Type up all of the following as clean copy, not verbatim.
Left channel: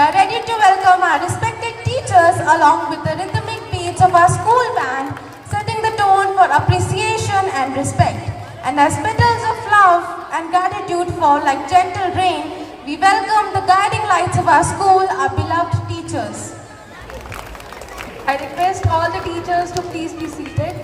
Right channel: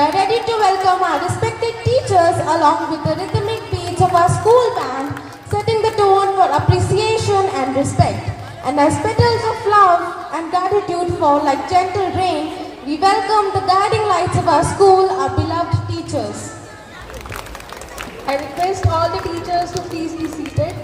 are ready to welcome our respected teachers along with the rhythmic beats of our school band, setting the tone for appreciation and respect. And as petals of love and gratitude fall like gentle rain, we welcome the guiding lights of our school, our beloved teachers. I request all the teachers to please be seated.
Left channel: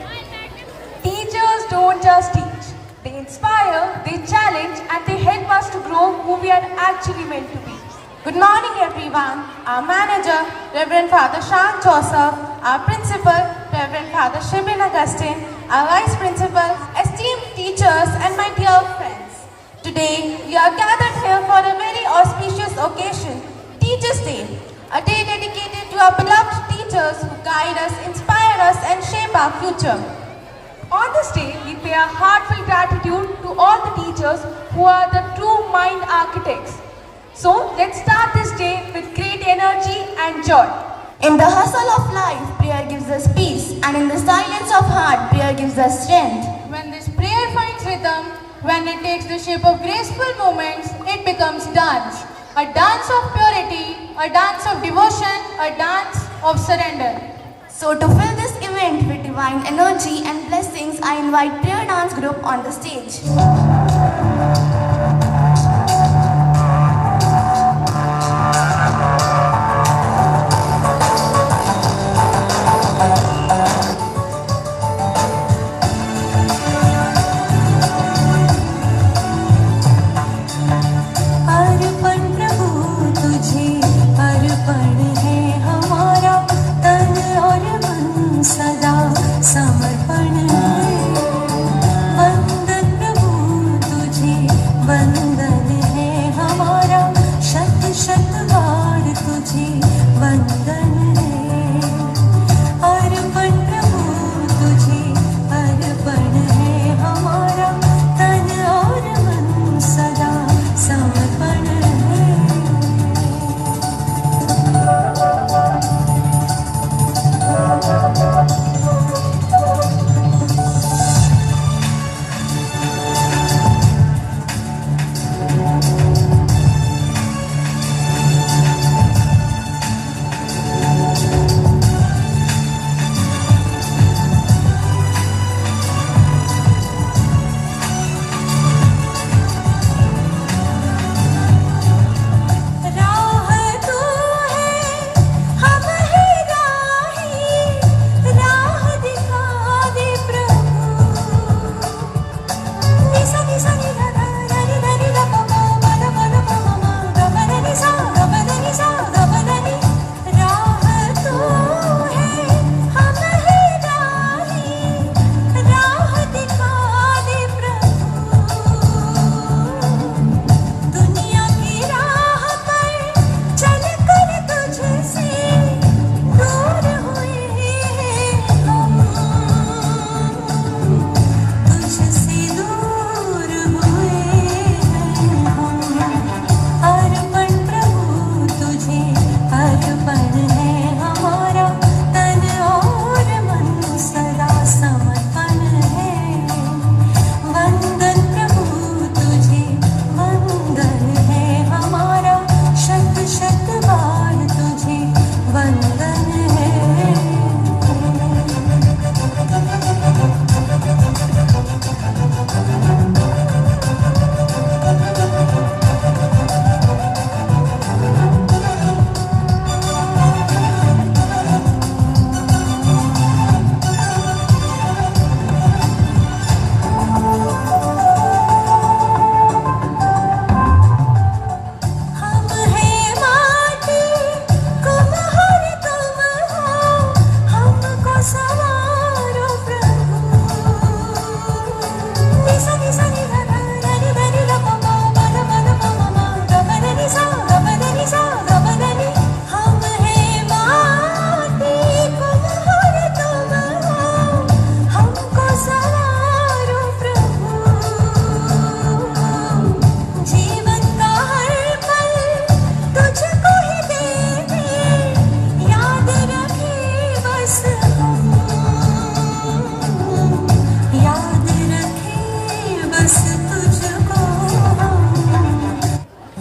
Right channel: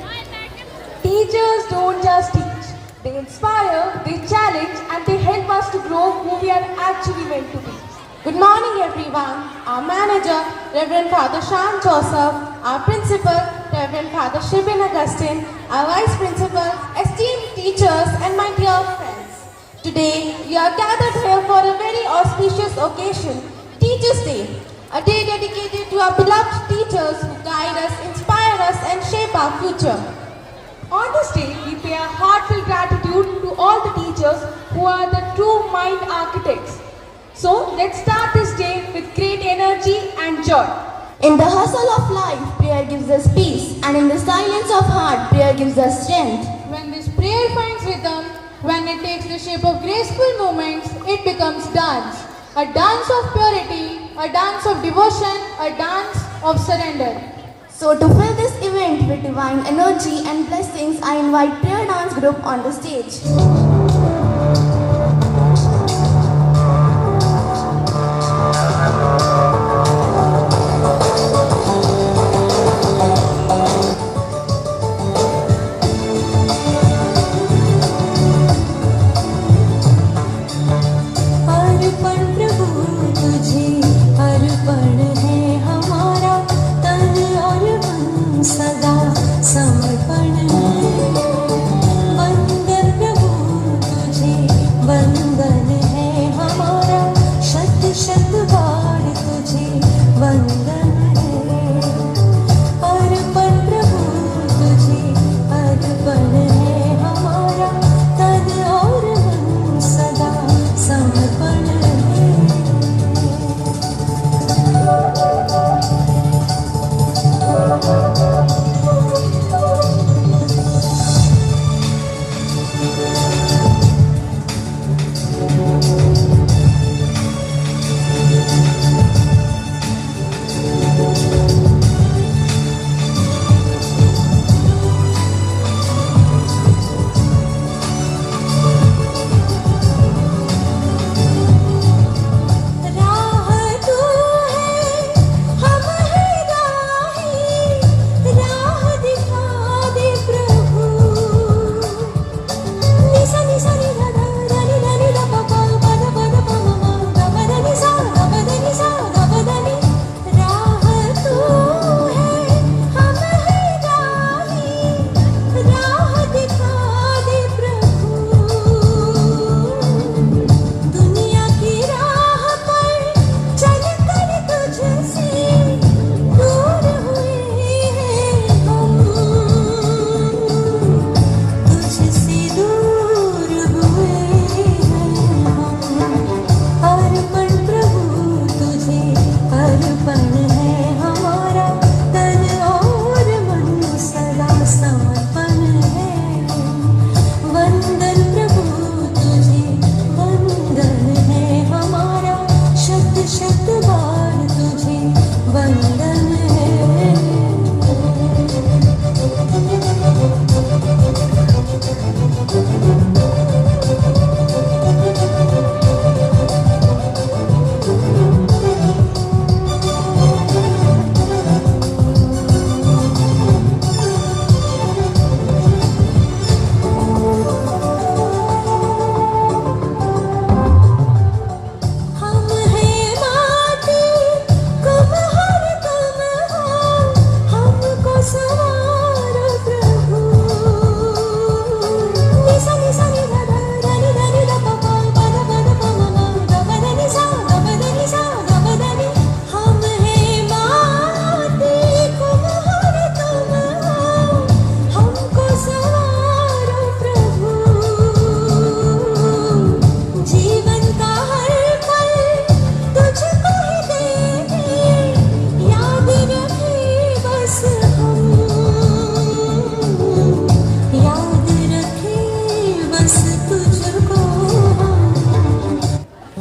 Teachers don't just teach. They inspire, they challenge, and they help us to grow who we are actually meant to be. Good morning everyone. Our manager, Reverend Father Shan Joseph, our principal, Reverend Father Shibin Augustine, our vice principal, esteemed teachers, and my dear friends. Today, we are gathered here for a very auspicious occasion, Teachers' Day, a day dedicated to our beloved teachers who guide us, inspire us, and shape our future. On this day, we pay our heartfelt gratitude to all the teachers who are the true mind architects. So, let's start this day with great energy and joy. In the hustle of life, prayer gives us peace, and in the silence of heart, prayer gives us strength. When this prayer finds rhythm, when it takes the shape of graceful movements, it becomes dance. A dance of purity, a dance of devotion, a dance of surrender. So to fill this event with divine energy and blessings, I invite prayer dance group on the stage.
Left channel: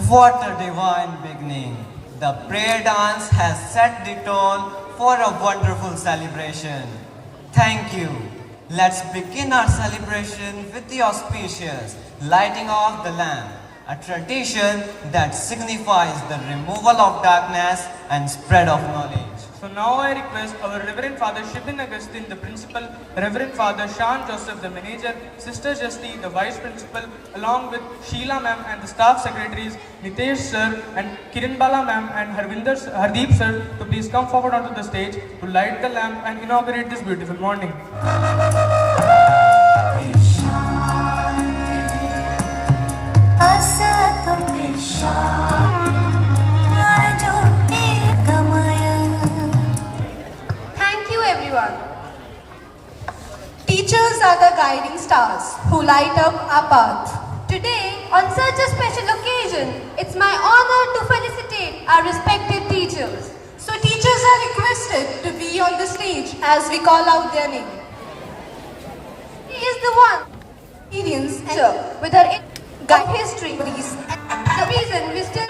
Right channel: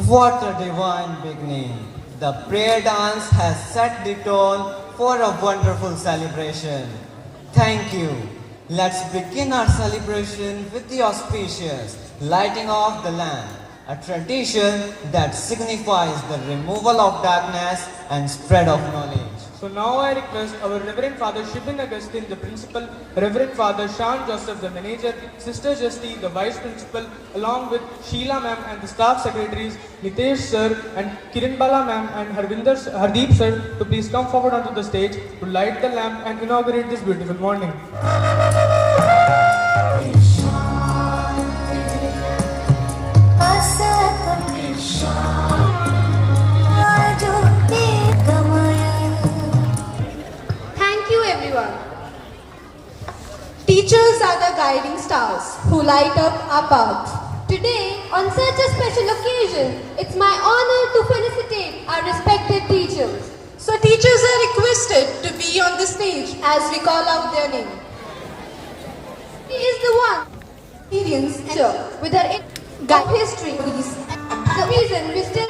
What a divine beginning. The prayer dance has set the tone for a wonderful celebration. Thank you. Let's begin our celebration with the auspicious lighting of the lamp, a tradition that signifies the removal of darkness and spread of knowledge. So now I request our Reverend Father Shibin Augustine, the principal, Reverend Father Sean Joseph, the manager, Sister Justy, the vice principal, along with Sheila ma'am and the staff secretaries, Nitesh sir and Kiran Bala ma'am and Hardeep sir to please come forward onto the stage to light the lamp and inaugurate this beautiful morning. Thank you everyone. Teachers are the guiding stars who light up our path. Today, on such a special occasion, it's my honor to felicitate our respected teachers. So teachers are requested to be on the stage as we call out their name. He is the one Experience with her guide history. The reason we still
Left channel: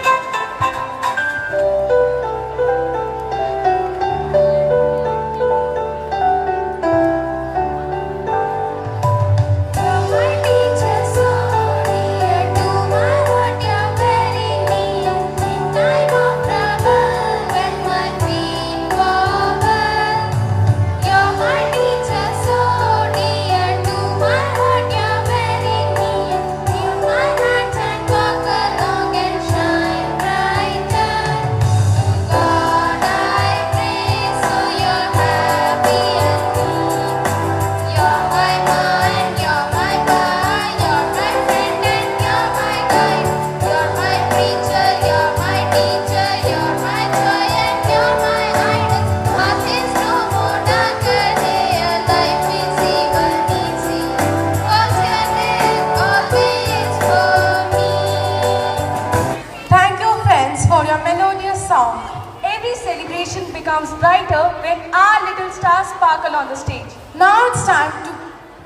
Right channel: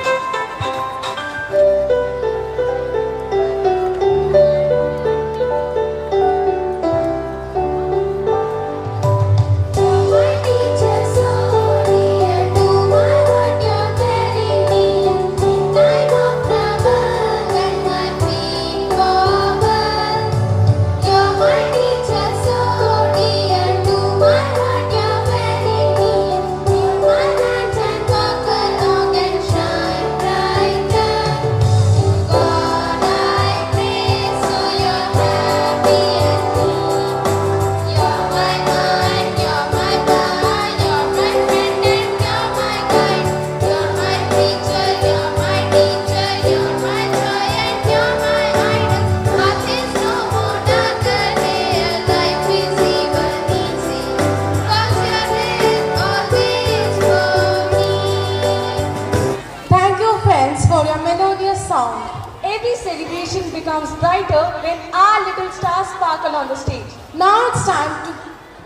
Thank you friends for your melodious song. Every celebration becomes brighter when our little stars sparkle on the stage. Now it's time to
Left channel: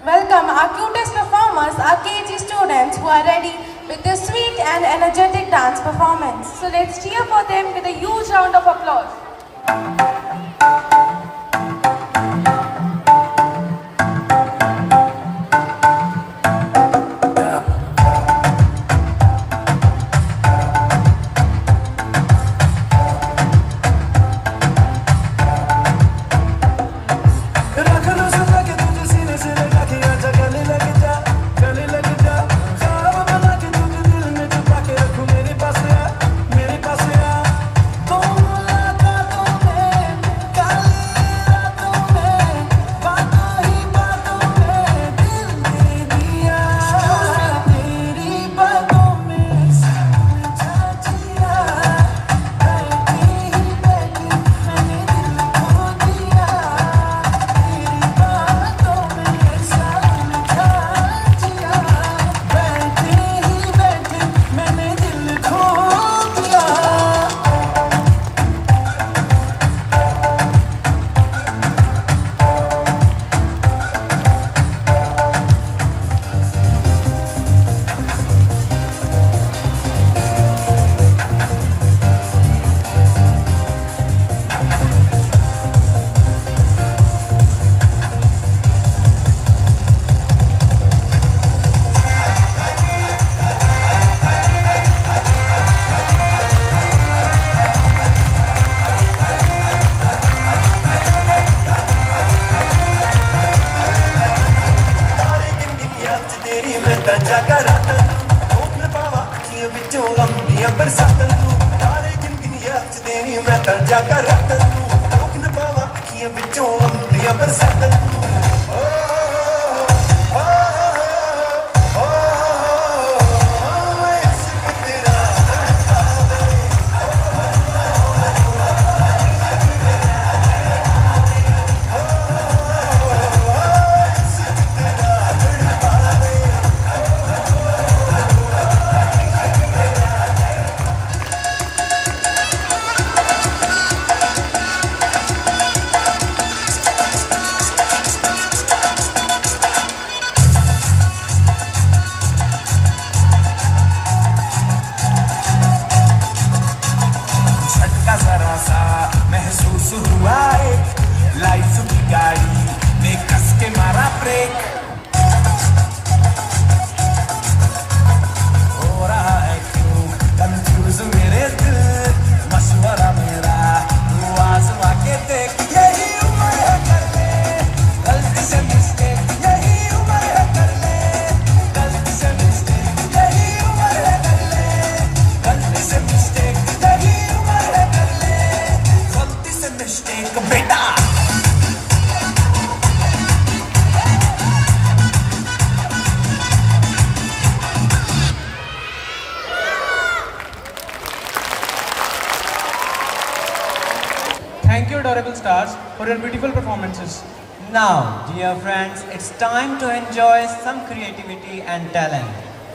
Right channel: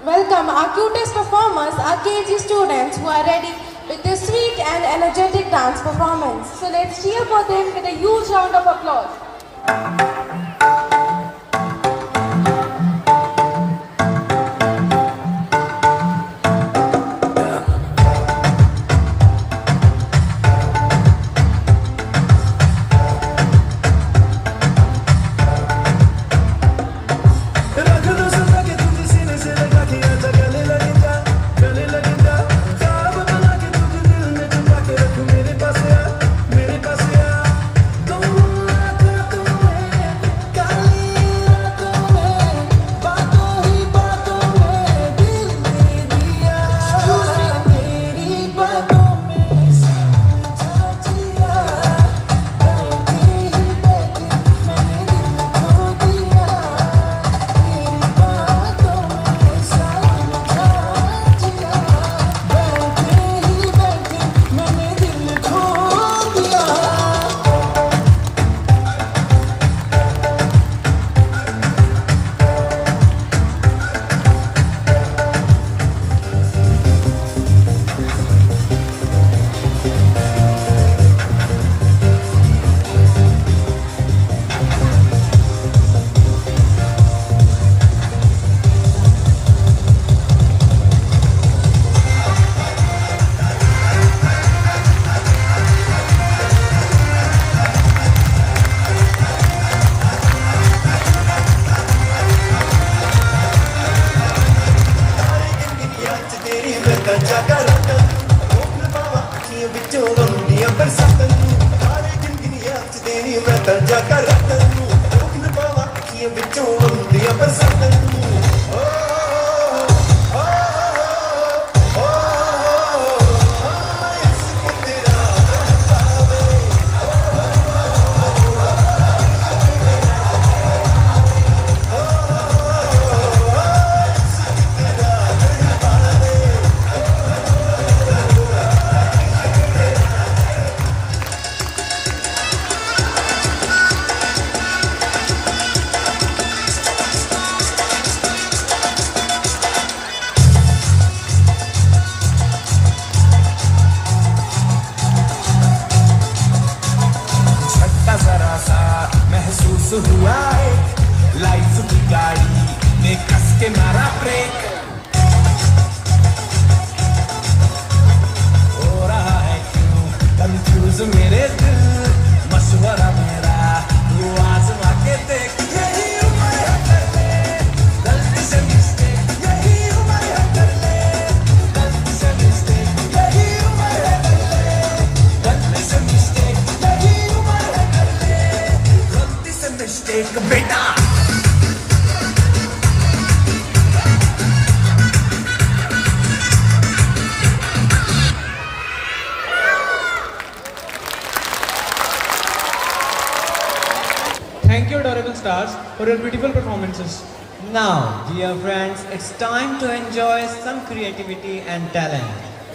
welcome our cutest performers, our KG students who are ready with their sweet and energetic dance performance. So let's cheer for them with a huge round of applause. for her beautiful performances. Now, dear friends, it's time to enjoy some creativity and talent.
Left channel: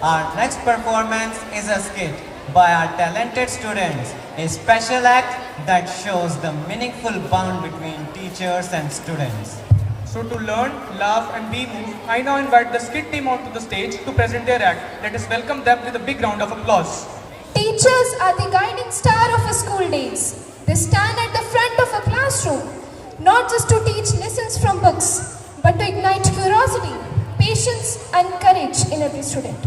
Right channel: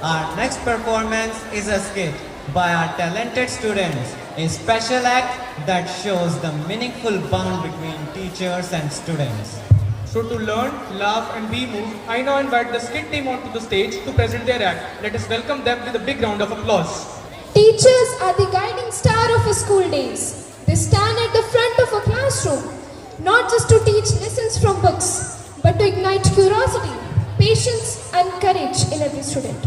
Our next performance is a skit by our talented students, a special act that shows the meaningful bond between teachers and students. So to learn, laugh and be moved, I now invite the skit team onto the stage to present their act. Let us welcome them with a big round of applause. Teachers are the guiding star of our school days. They stand at the front of a classroom, not just to teach lessons from books, but to ignite curiosity, patience and courage in every student.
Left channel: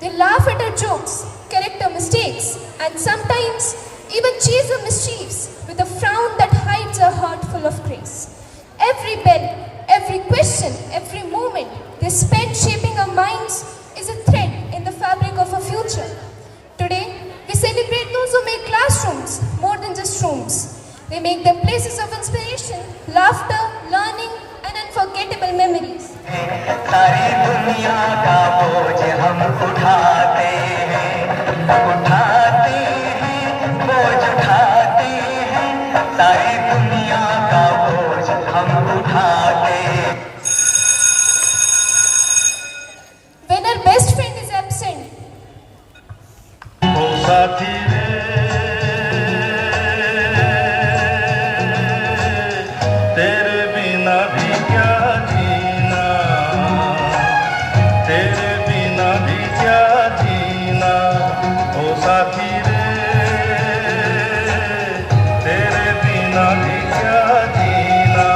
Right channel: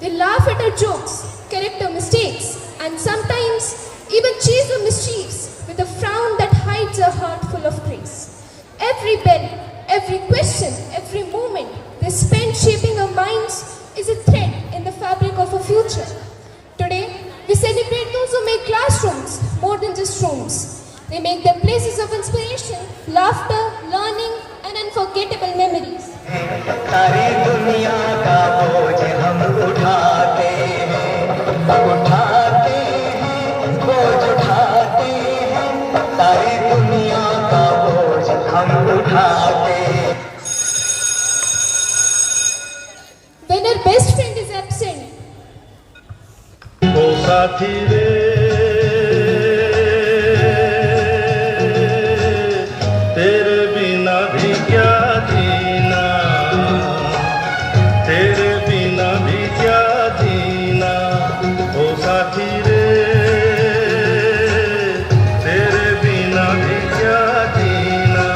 They laugh at our jokes, correct our mistakes, and sometimes even chase our mischiefs with a frown that hides a heart full of grace. Every bell, every question, every moment they spend shaping our minds is a thread in the fabric of our future. Today, we celebrate those who make classrooms more than just rooms. They make them places of inspiration, laughter, learning, and unforgettable memories. सारी दुनिया का बोझ हम उठाते हैं, बोझ उठाते हैं, सारी दुनिया का बोझ हम उठाते हैं. When our best friend is absent, ओ साथी रे तेरे बिना भी क्या जीना, तेरे बिना भी क्या जीना. ओ साथी रे तेरे बिना भी क्या जीना,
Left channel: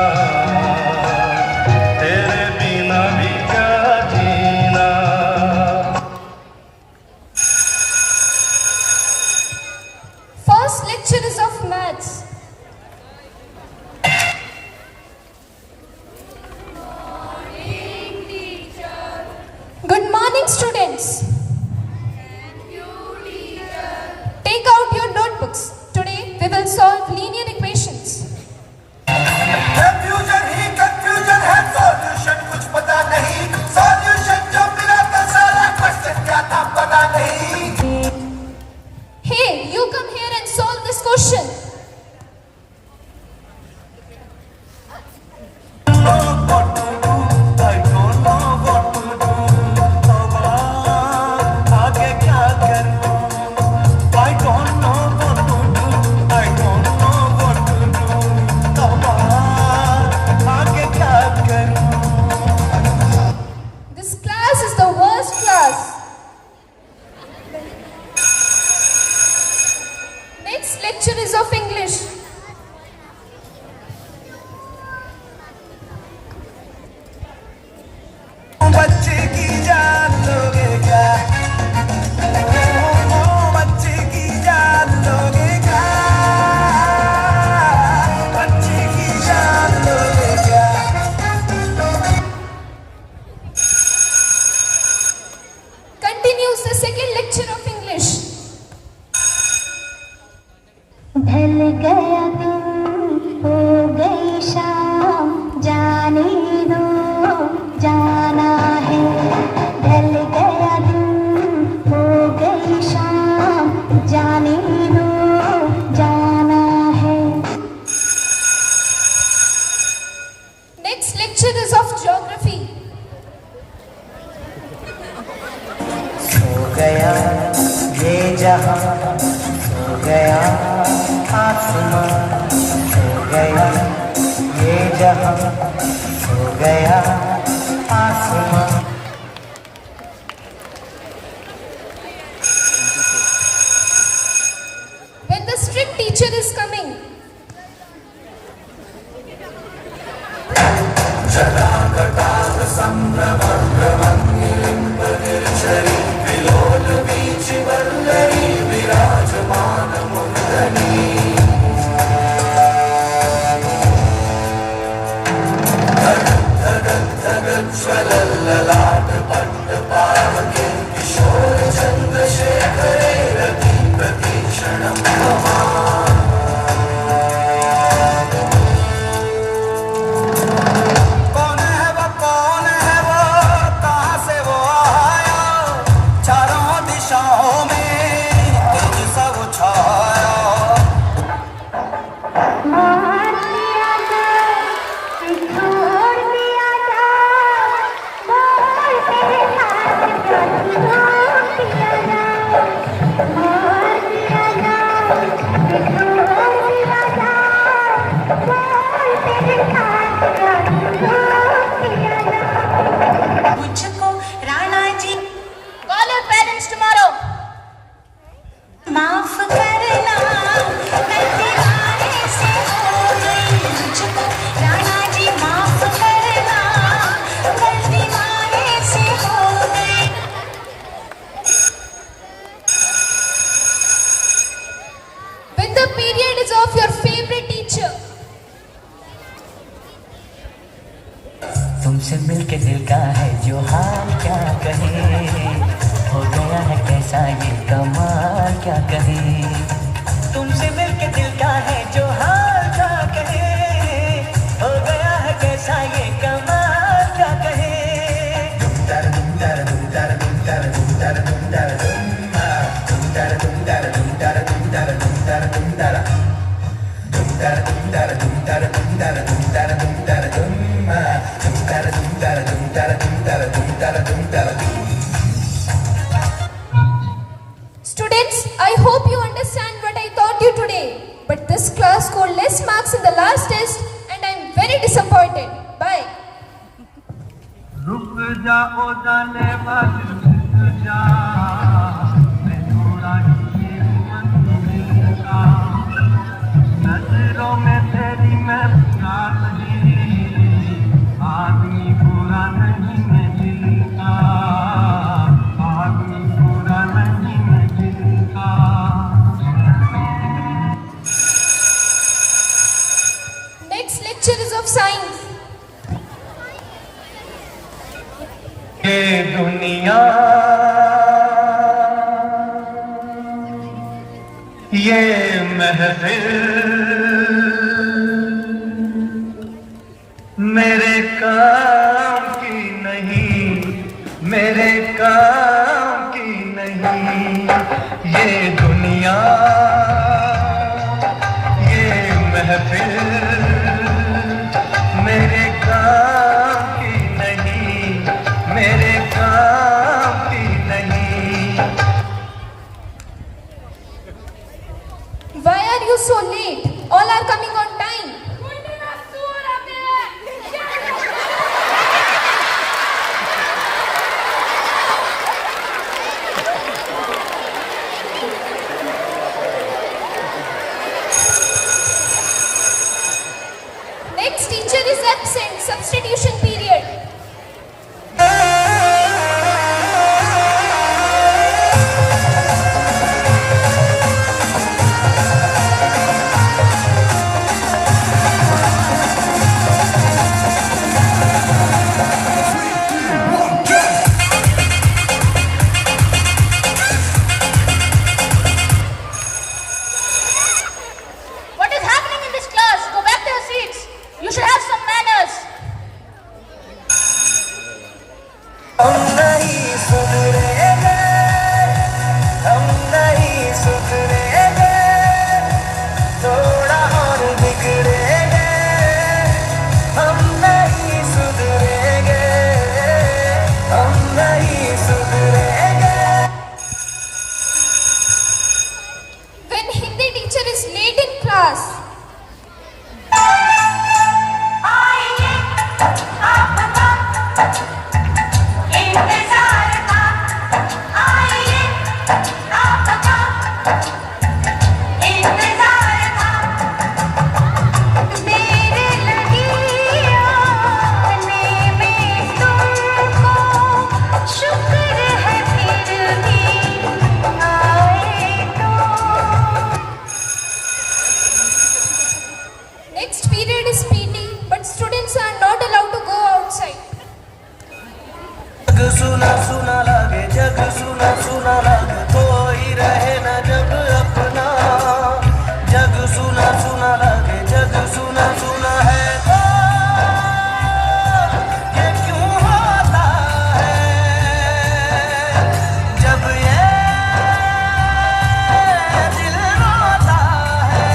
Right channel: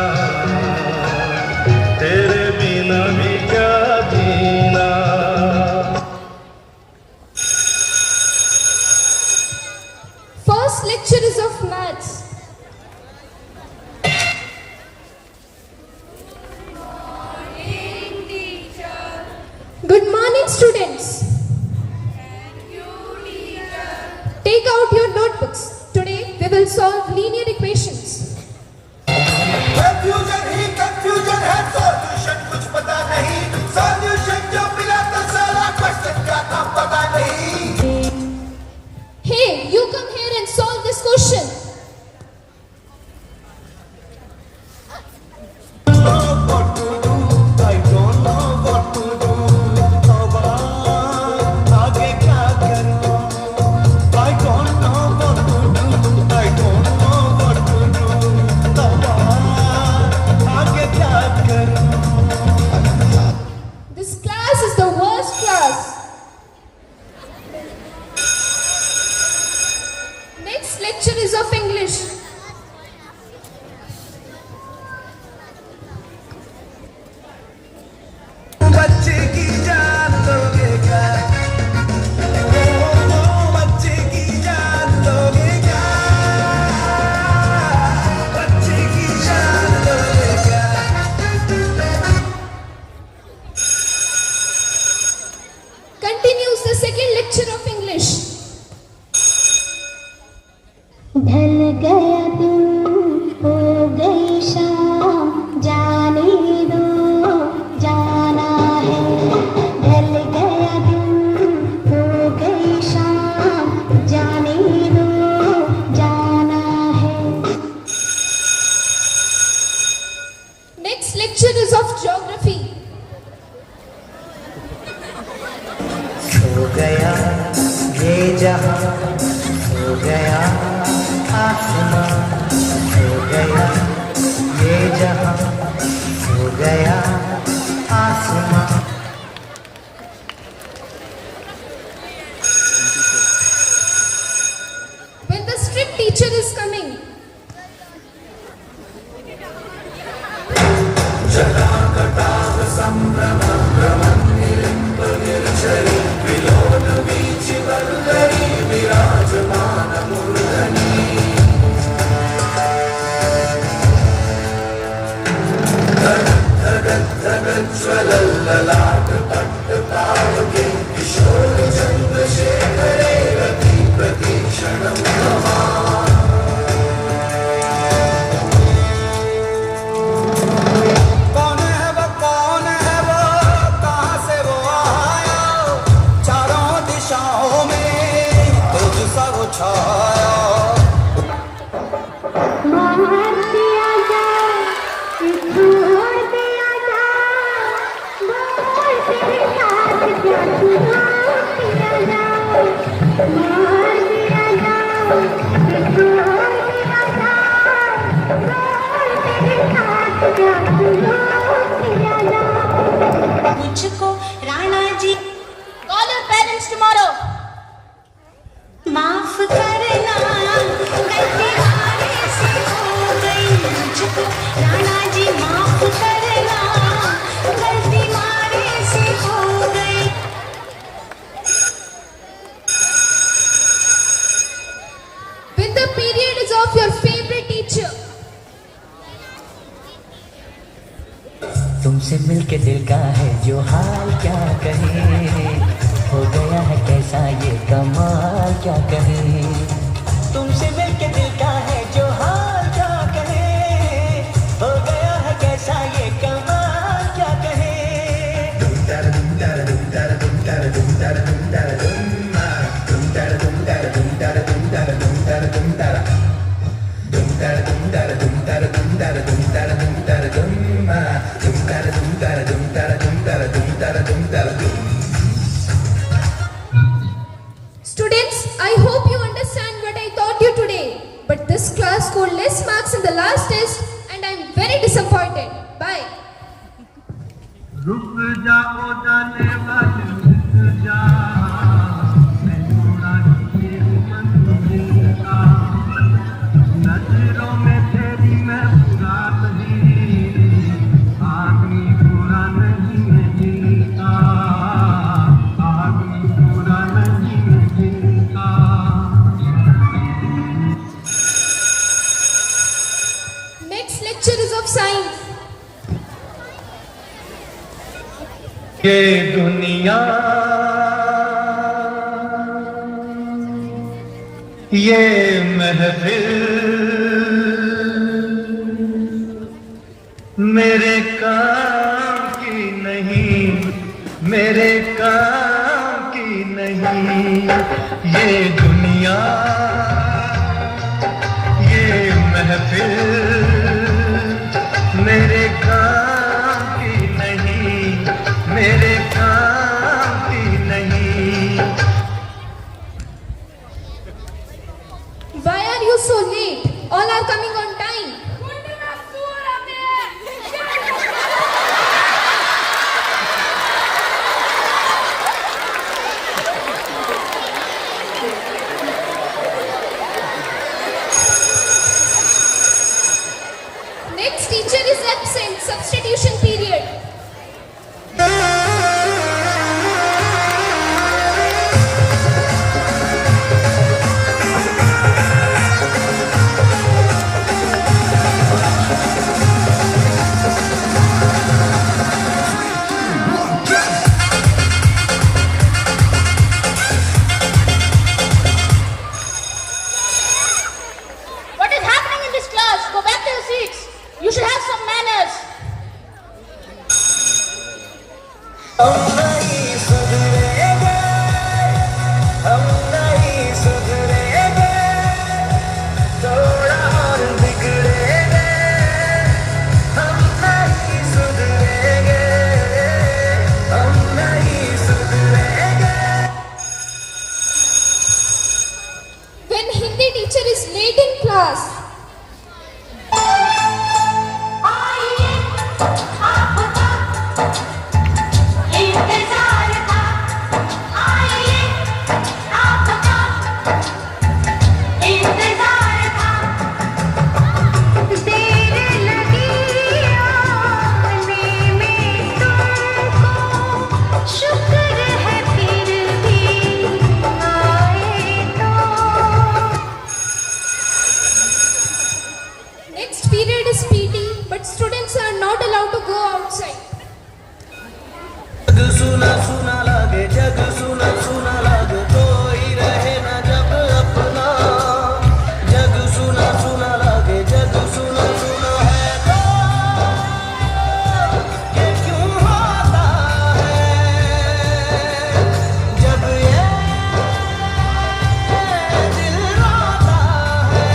तेरे बिना भी क्या जीना. first lecture is of maths. Good morning, students. Take out your notebooks. Today we will solve linear equations. Confusion he confusion है, सॉल्यूशन कुछ पता नहीं, सॉल्यूशन जो मिला तो साला क्वेश्चन का नाम पता नहीं. Hey, you come here and solve this question. आगे क्या करूं? I don't know what to do. I don't know what to do. आगे क्या करूं? This class is the worst class. Next lecture is of English. बच्चे की जान लोगे क्या? बच्चे की जान लोगे क्या? बच्चे की जान लोगे क्या? Continues the second lecture of English. ढल गया दिन हो गई शाम, जाने दो जाना है. ढल गया दिन हो गई शाम, जाने दो जाना है. Next lecture is of geography. सो गया ये जहां, सो गया आसमां, सो गया ये जहां, सो गया आसमां. When the strict teacher is coming, तुमसे मिलके दिल का है जो हाल क्या कहे, हो गया है कैसा ये कमाल क्या कहे। तुमसे मिलके दिल का है जो हाल क्या कहे, हो गया है कैसा ये कमाल क्या कहे। Students, I hope you understand what I taught you today. But this class scored less marks in the last test and I am very disappointed. Bye. रुक जाओ जाने वाली रुक जा, मैं थोड़ा ही मंदिर का, नजरों में तेरी मैं प्यास दी, आदमी बुरा नहीं मैं दिल का, आदमी बुरा नहीं मैं दिल का। Next lecture is of science. ये दुनिया ये महफिल मेरे काम की नहीं, मेरे काम की नहीं। ये दुनिया ये महफिल मेरे काम की नहीं, मेरे काम की नहीं। Why are you so late? All are coming on time. Next teacher is absent. Substitution period. What is happening in this class? Go back to your seats. You should have some manners. When Hindi teacher is late in class. Next period is PT, but students are not allowed to go outside. जग सुना सुना लगे, जग सुना सुना लगे, कोई रहे न जब अपना। जग सुना सुना लगे, जग सुना सुना है तो ये क्यों होता है? जब ये दिल रोता है,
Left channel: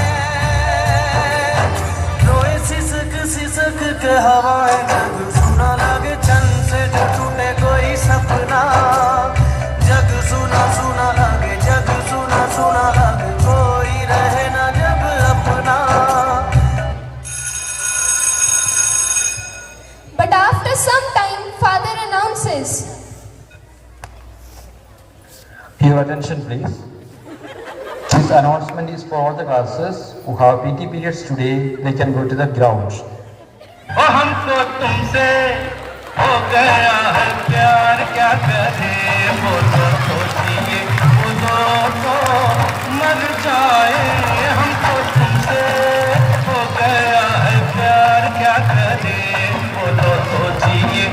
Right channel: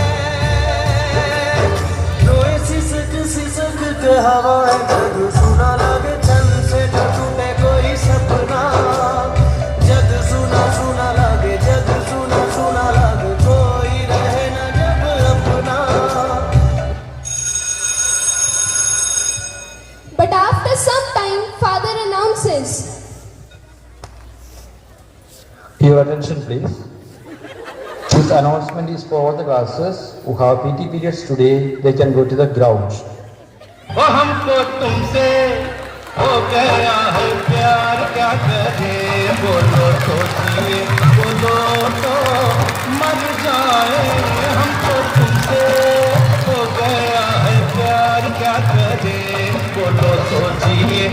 कोई सिसक सिसक के हवाएं जग सुना लगे, चन से जो टूटे कोई सपना। जग सुना सुना लगे, जग सुना सुना लगे, कोई रहे ना जब अपना। But after some time, father announces. Your attention please. This announcement is for all the classes who have PT periods today. They can go to the grounds. वो हमको तुमसे हो गया है प्यार, क्या करें बोलो सोचिए, खुदो तो मर जाए। हमको तुमसे हो गया है प्यार, क्या करें बोलो सोचिए,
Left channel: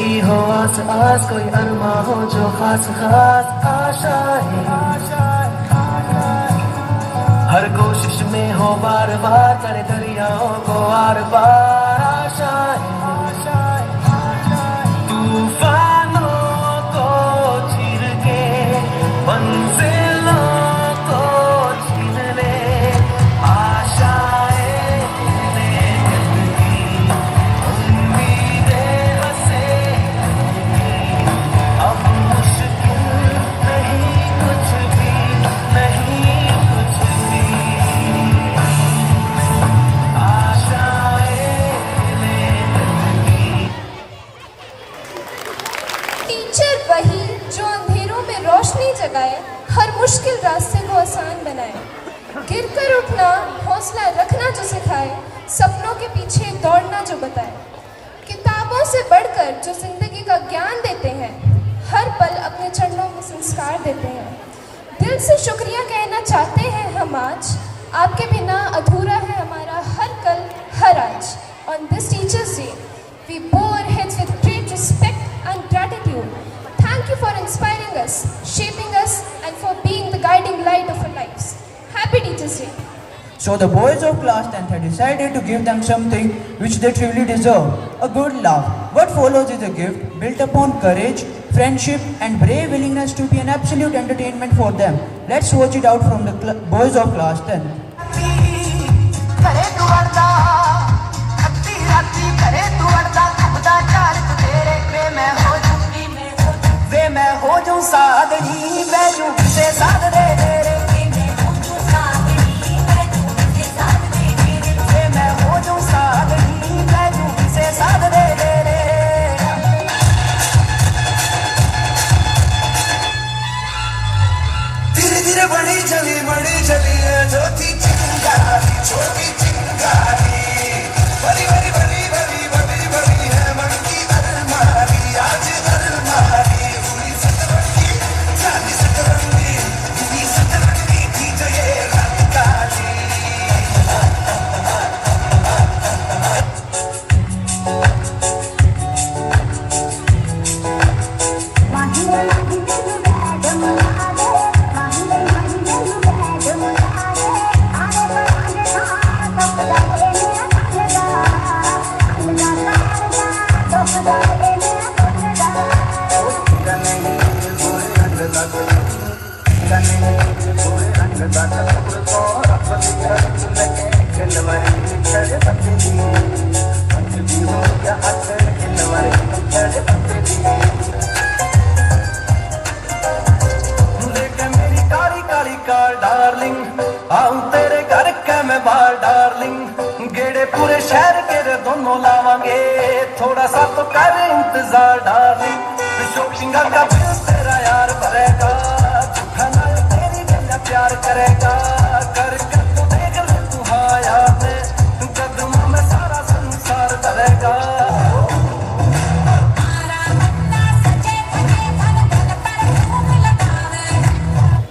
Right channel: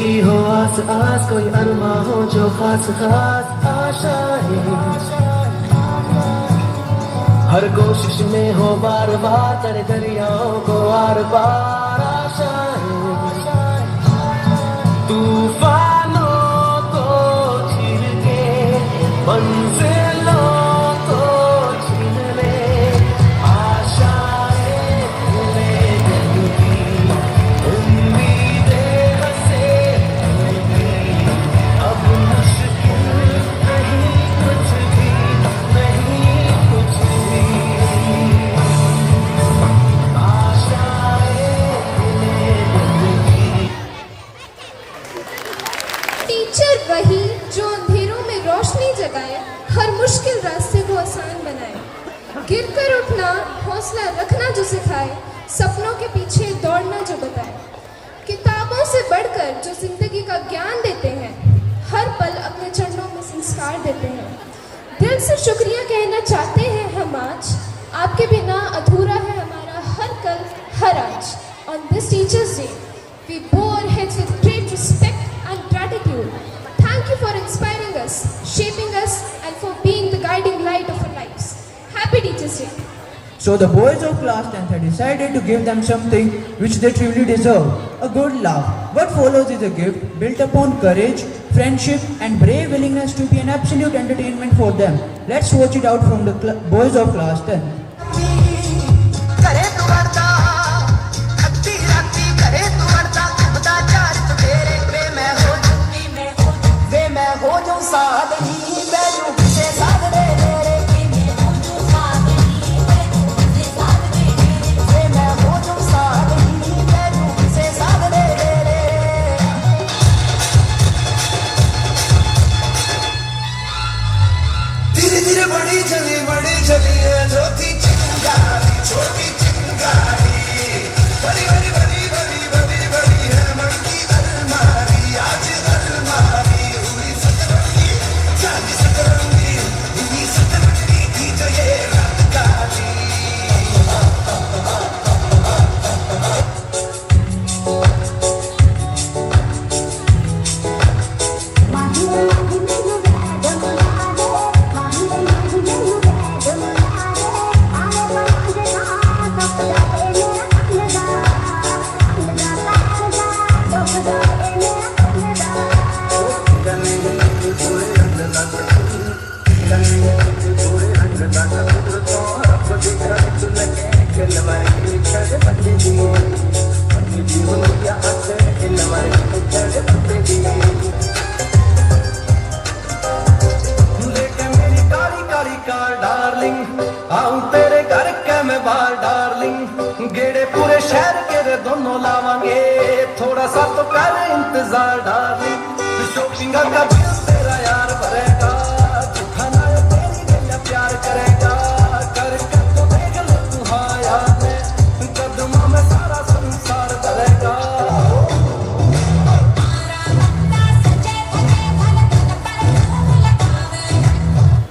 की हो आस आस, कोई अरमा हो जो खास खास आशाएं, हर कोशिश में हो बार बार, चले दरियाओं को आर पार आशाएं, तूफानों को चीर के मंजिलों को छीन ले आशाएं, लेकिन की उम्मीदें हंसे अब मुश्किल नहीं कुछ भी, नहीं कुछ भी टीचर वही जो अंधेरों में रोशनी जगाए, हर मुश्किल रास्ते को आसान बनाए, गिरकर उठना, हौसला रखना जो सिखाए, सपनों के पीछे दौड़ना जो बताए, किताबों से बढ़कर जो जिंदगी का ज्ञान देते हैं, हर पल अपने चरणों में संस्कार देते हैं। दिल से शुक्रिया कहना चाहते हैं हम आज, आपके बिना अधूरा है हमारा हर कल हर आज। On this Teachers Day, we bow our heads with great respect and gratitude. Thank you for inspiring us, shaping us, and for being the guiding light of our lives. Happy Teachers Day. So the boys of class 10th had decided to give them something which they truly deserve, a good laugh. What follows is a gift built upon courage, friendship and brave willingness to be an absolute entertainment for them. Let's watch it out from the boys of class 10th. धीरे धीरे बड़ी चली है जो थी चिंगारी, छोटी चिंगारी, बड़ी बड़ी बड़ी बड़ी बड़ी बड़ी है बड़ी अलमारी, आज अलमारी हुई सतरंगी, 40 सतरंगी हुई सतरंगी थी जो ये रात काली।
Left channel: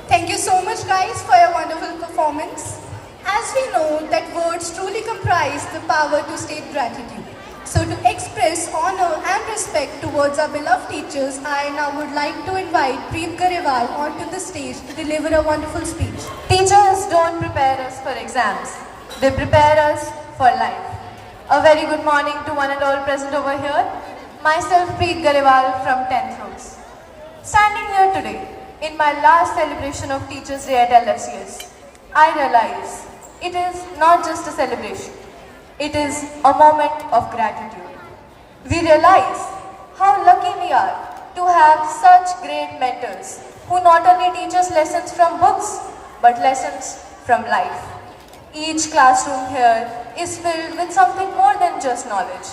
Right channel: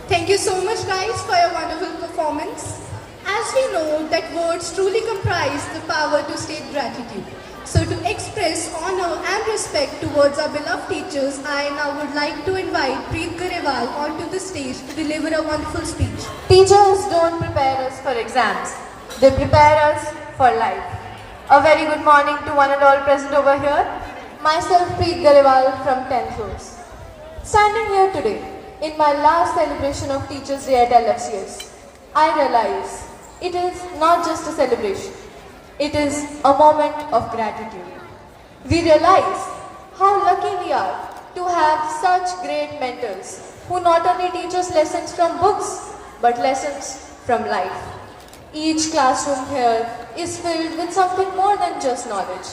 Thank you so much guys for your wonderful performance. As we know that words truly comprise the power to state gratitude. So to express honor and respect towards our beloved teachers, I now would like to invite Preet Garewal onto the stage to deliver a wonderful speech. Teachers don't prepare us for exams. They prepare us for life. A very good morning to one and all present over here. Myself, Preet Garewal from 10th Rose. Standing here today, in my last celebration of Teachers' Day at LFCS, I realize it is not just a celebration. It is a moment of gratitude. We realize how lucky we are to have such great mentors who not only teach us lessons from books, but lessons from life. Each classroom here is filled with something more than just knowledge.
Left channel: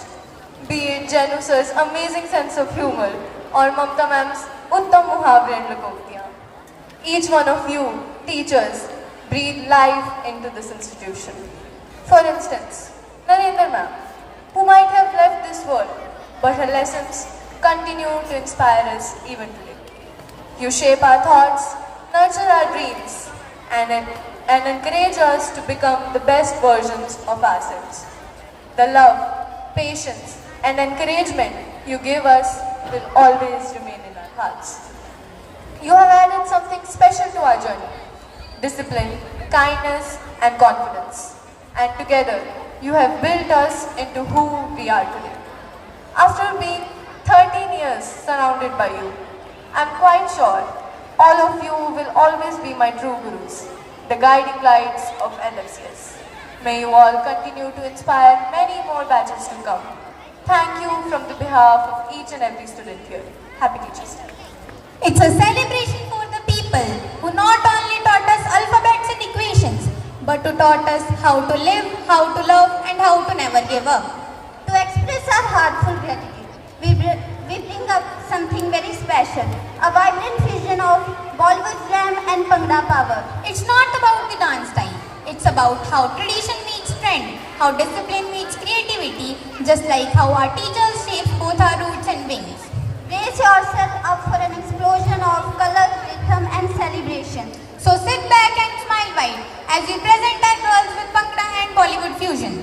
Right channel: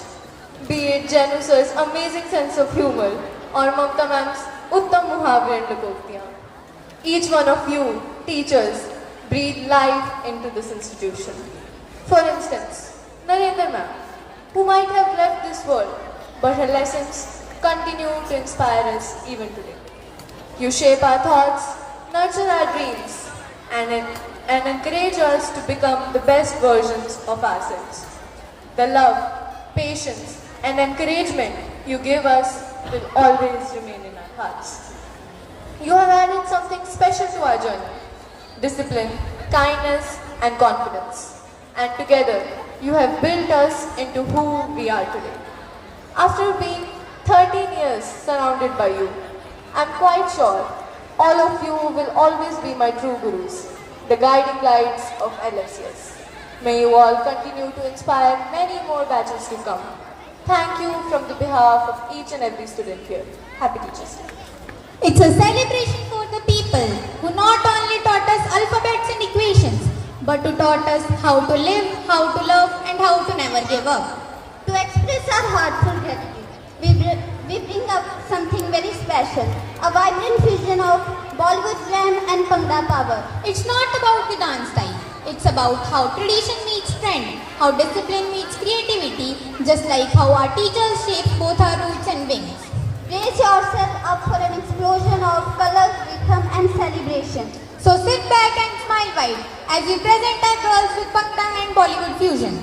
Be it Janu sir's amazing sense of humor or Mamta ma'am's Uttam Muhavre and Likottiyan. Each one of you, teachers, breathe life into this institution. For instance, Narendra ma'am, who might have left this world, but her lessons continue to inspire us even today. You shape our thoughts, nurture our dreams, and encourage us to become the best versions of ourselves. The love, patience, and encouragement you give us will always remain in our hearts. You have added something special to our journey: discipline, kindness, and confidence. And together, you have built us into who we are today. After being 13 years surrounded by you, I'm quite sure all of you will always be my true gurus, the guiding lights of LFCS. May you all continue to inspire many more batches to come. Thank you from the behalf of each and every student here. Happy Teachers Day. It's a celebration for the people who not only taught us alphabets and equations, but who taught us how to live, how to love, and how to never give up. To express our heartful gratitude, we bring up something very special, a vibrant vision of Bollywood glam and Bhangra power. It's not about the dance style, it's about how tradition meets trend, how discipline meets creativity, just like how our teachers shape both our roots and wings. Brace yourself up for an explosion of color, rhythm, and celebration. So sit back and smile wide as we present our girls with Bhangra and Bollywood fusion.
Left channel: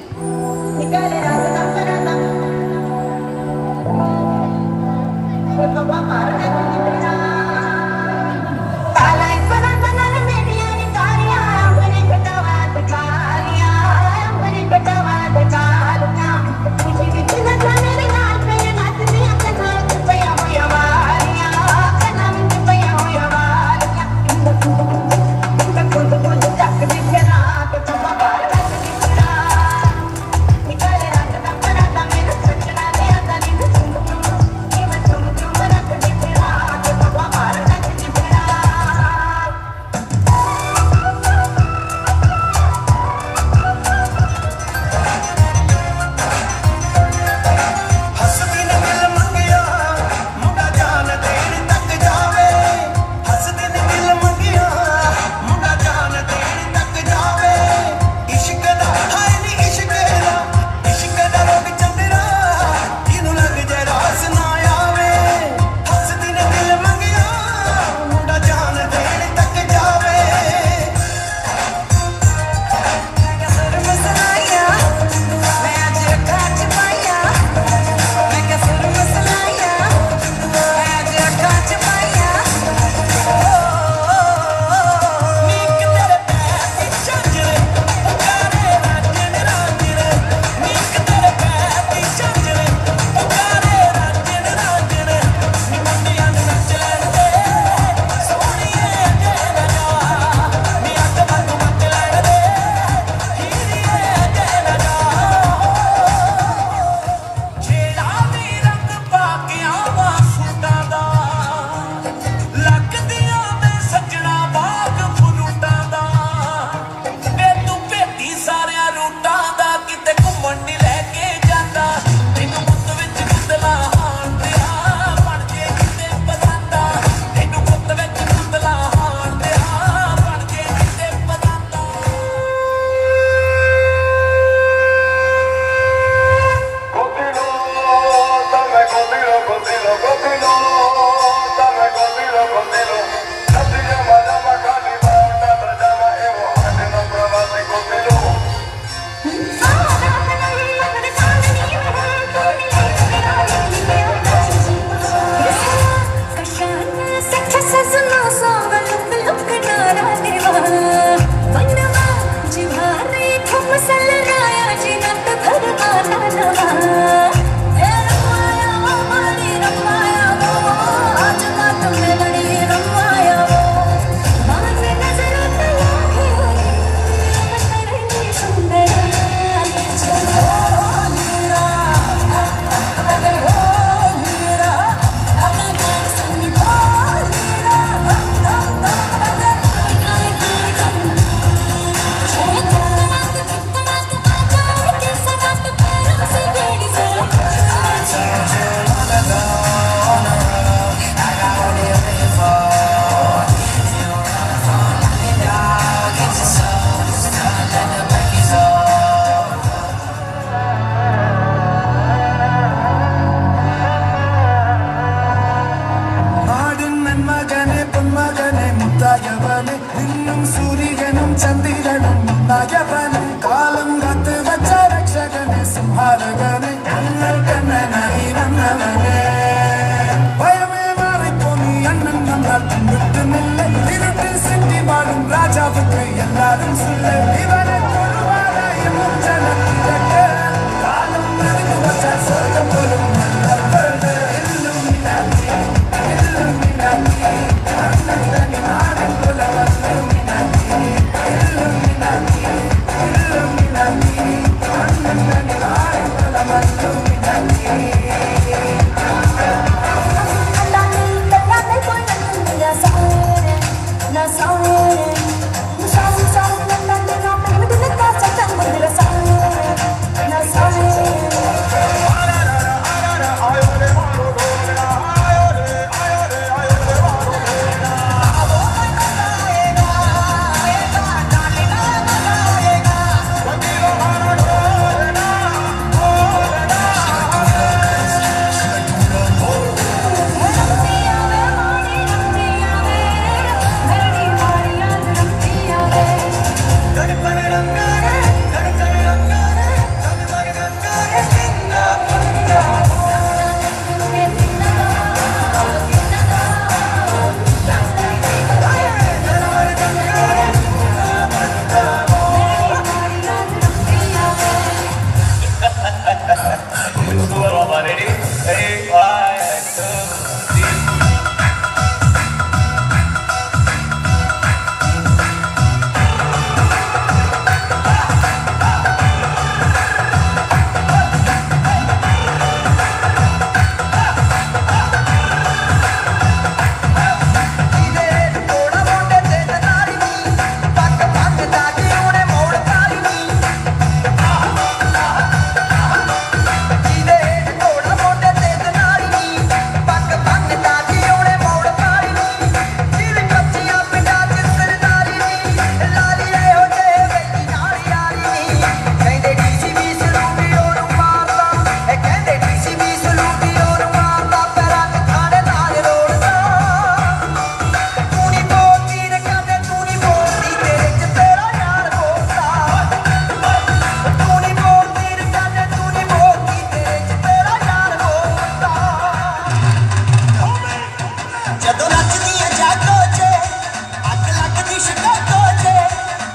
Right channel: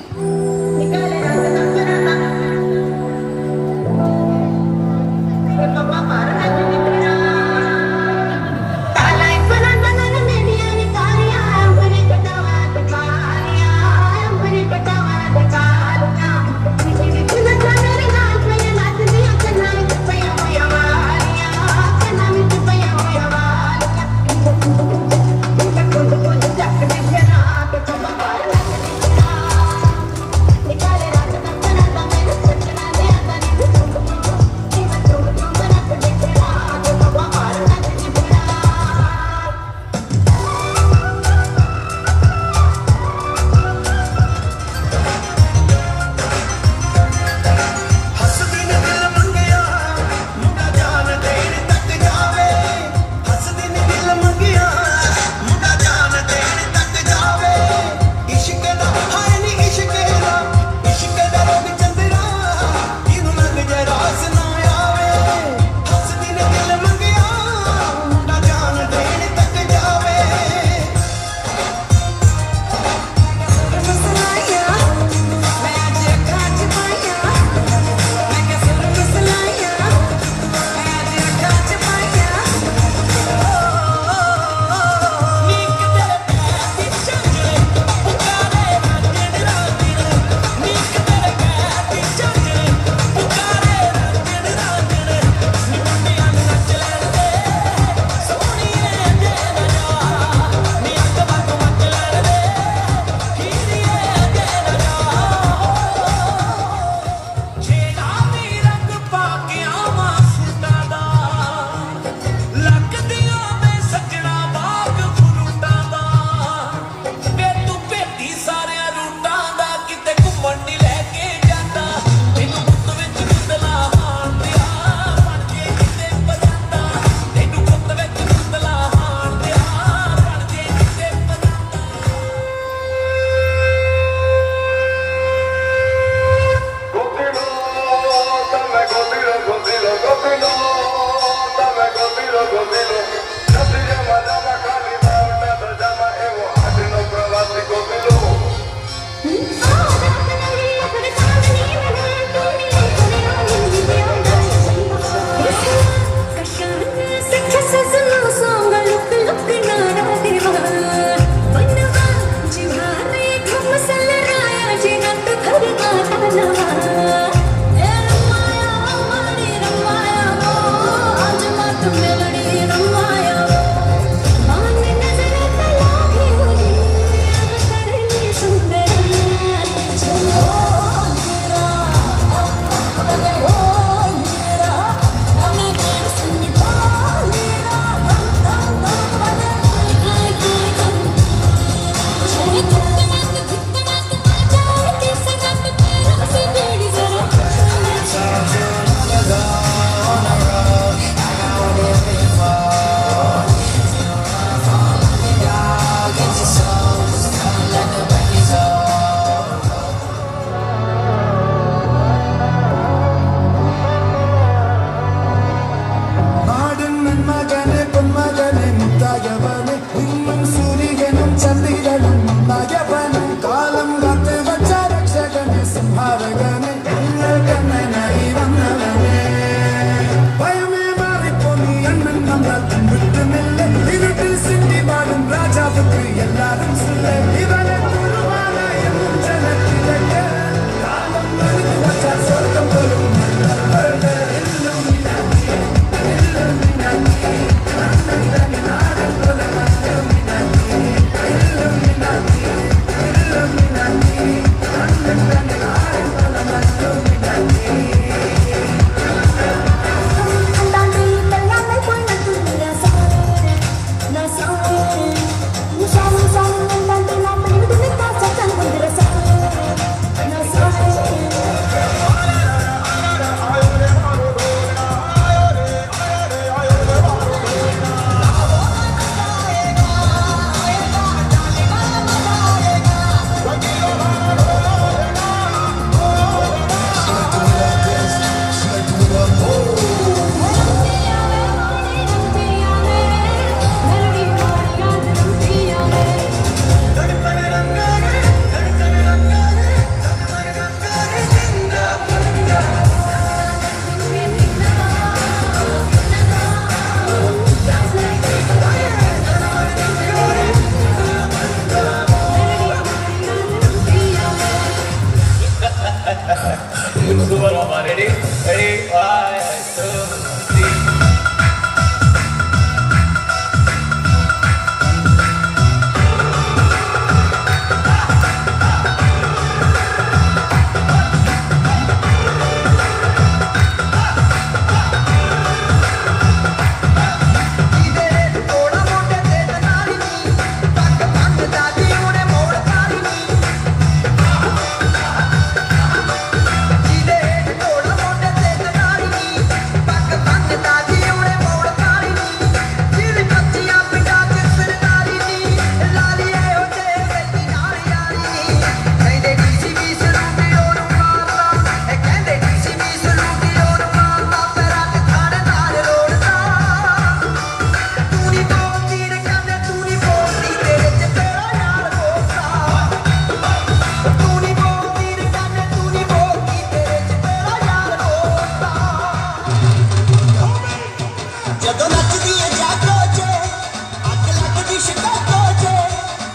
Chicago जे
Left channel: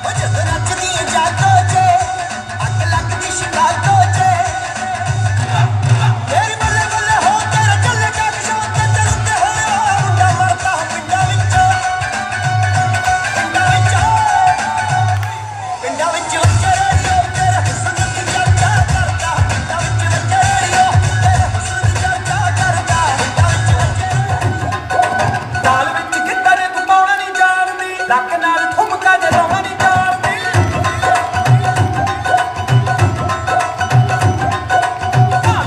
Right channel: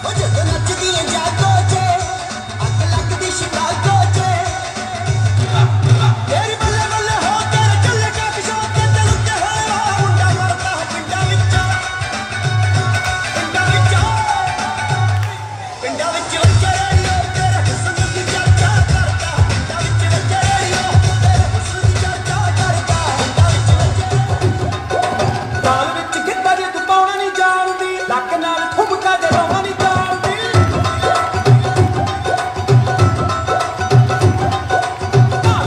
ओ जद नचदी जागो जे अग लगदी Chicago जे तेरी बुले बुले हो तेरा चल के किस्मत ते रुते हो मुंडा मारता पिंडा विचों चढ़ियो तेरा हुस्न दी चर्चा करदा पिंडा विच चढ़ियो तेरा हुस्न दी चर्चा करदा ताल विच गिद्दर तू पाउणा नहीं जानदी लक नाल ठुमका जलाउणा नहीं जानदी ताल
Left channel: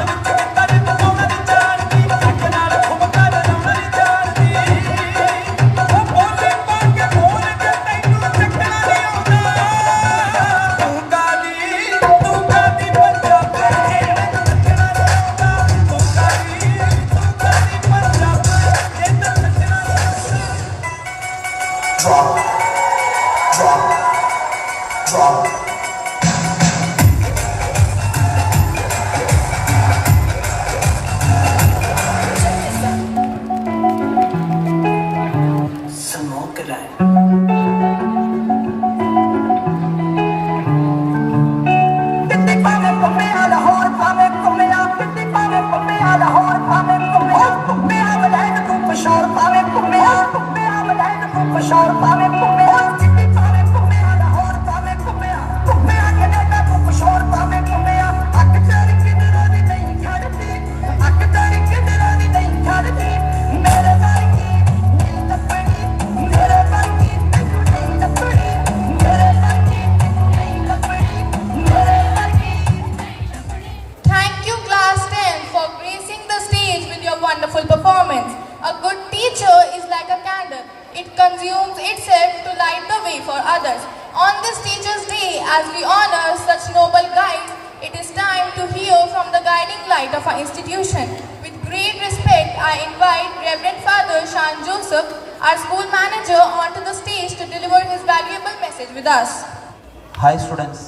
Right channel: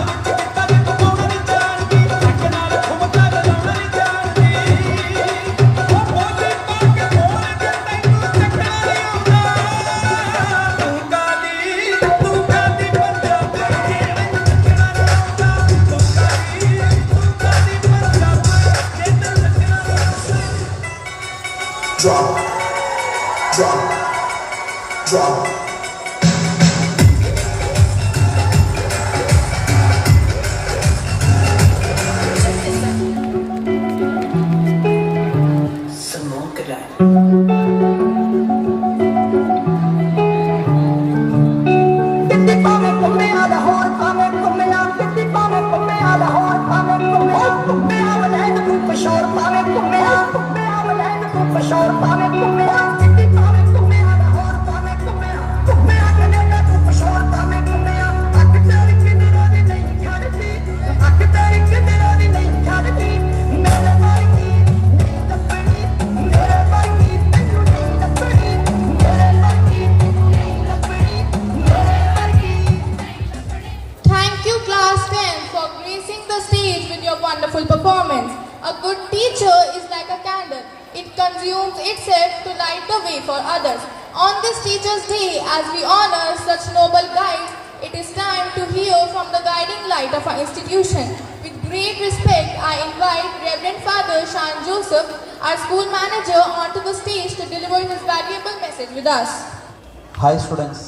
विच गिद्दर तू पाउणा नहीं जानदी लक नाल ठुमका जलाउणा नहीं जानदी ओ बोली पाके बोल के तैनूं ਚੱਕਣਾ ਨਹੀਂ ਆਉਂਦਾ ਤੂੰ ਕਾਦੀ ਪੰਜਾਬੀ ਜੇ ਮੈਨੂੰ ਚੱਕਣਾ ਨਹੀਂ ਆਉਂਦਾ ਤੂੰ ਕਾਦੀ ਪੰਜਾਬੀ ਜੇ ਤੈਨੂੰ drop drop drop Smoke that. Pitti pame come alla hor pame come na pitti pame come alla hor pame come na valan ku pashor pame come na valan ku pashor pame come na pitti pame come alla hor pame come na Canada ku pashor pame come na ak tari kinara di nahi kharti ak tari kinara di nahi kharti mere vargi nahi lapdi mere vargi nahi lapdi mere vargi nahi lapdi mere vargi. Thank you, Class 10, for gracing the stage with your wonderful performance. A good teacher is like a candle. It consumes itself to light the way for others. On this Teachers' Day, as we honor such noble guides, it is time to hear from the guiding light of our institution. With great respect, I invite Reverend Father Shan Joseph, our school manager, onto the stage to deliver his valuable message with us. Hi students,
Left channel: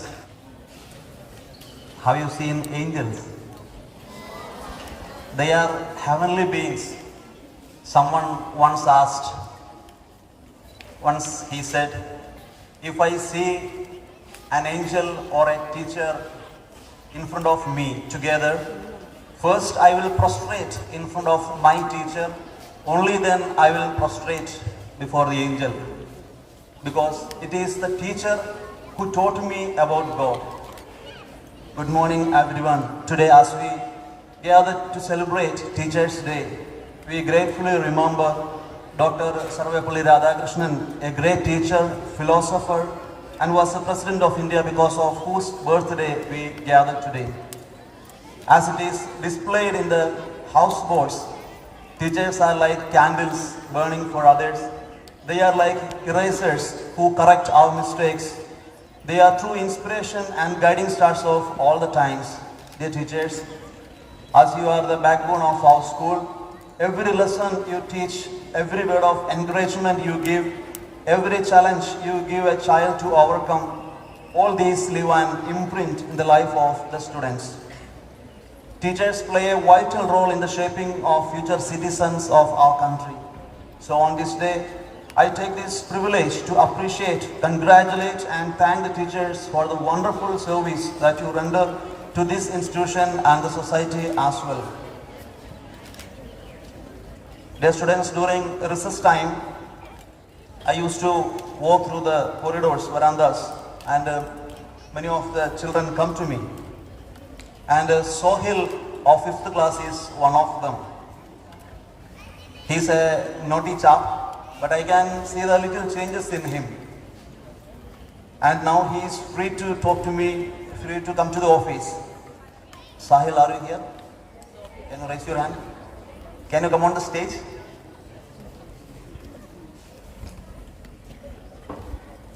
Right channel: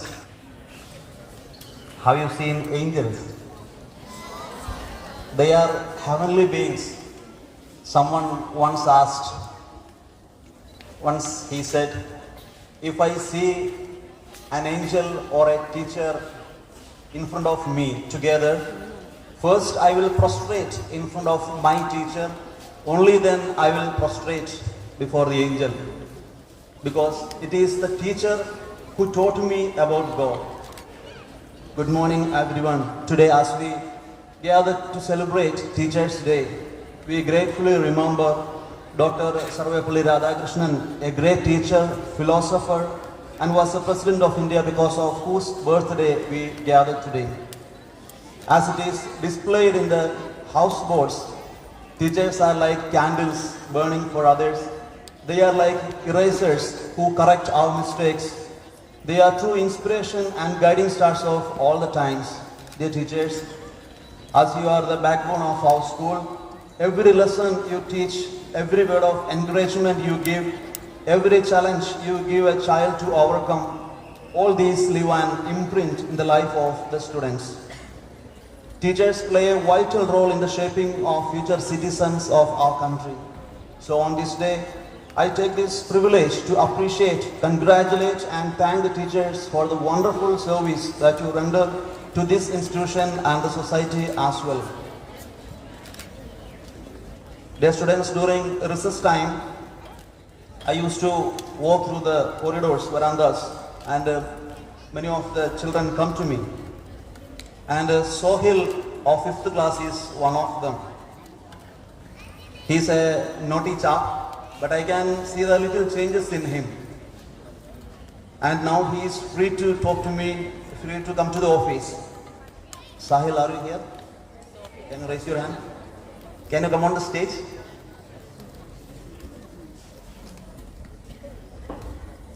have you seen angels? They are heavenly beings. Someone once asked, once he said, if I see an angel or a teacher in front of me together, first I will prostrate in front of my teacher, only then I will prostrate before the angel. Because it is the teacher who taught me about God. Good morning everyone. Today as we gather to celebrate Teachers' Day, we gratefully remember Dr. Sarvepalli Radhakrishnan, a great teacher, philosopher, and was the President of India because of whose birthday we gather today. As it is displayed in the houseboats, teachers are like candles burning for others. They are like erasers who correct our mistakes. They are true inspiration and guiding stars of all the times. Dear teachers, as you are the backbone of our school, every lesson you teach, every word of encouragement you give, every challenge you give a child to overcome, all these leave an imprint in the life of the students. Teachers play a vital role in the shaping of future citizens of our country. So on this day, I take this privilege to appreciate, congratulate and thank the teachers for the wonderful service that you render to this institution and the society as well. Dear students, during recess time, I used to walk through the corridors, verandas, and many of the children come to me. And Sohil of 5th class is one of them. He's a naughty chap, but I can see the little changes in him. And now he is free to talk to me, free to come to the office. Sahil, are you here? Can you raise your hand? Can you come on the stage?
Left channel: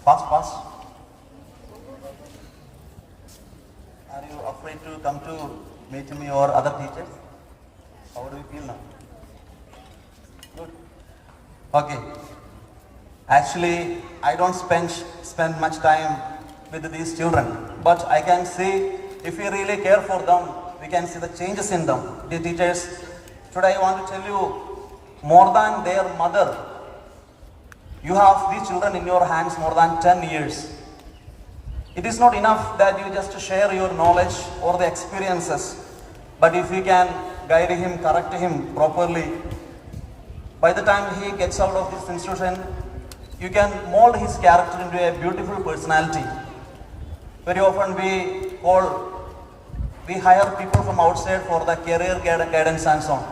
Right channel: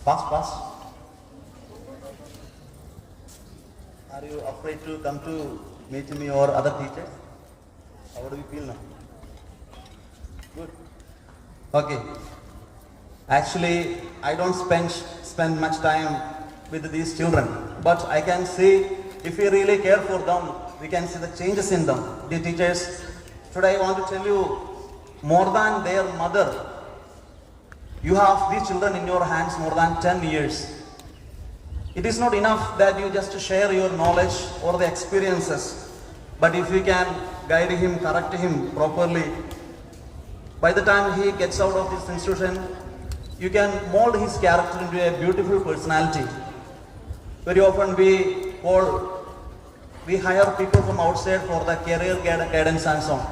Fast, fast. Are you afraid to come to meet me or other teachers? How do you feel now? Good. Okay. Actually, I don't spend much time with these children, but I can say if we really care for them, we can see the changes in them. Dear teachers, today I want to tell you, more than their mother, You have these children in your hands more than 10 years. It is not enough that you just share your knowledge or the experiences, but if you can guide him, correct him properly, by the time he gets out of this institution, you can mold his character into a beautiful personality. Very often we hire people from outside for the career guidance and so on.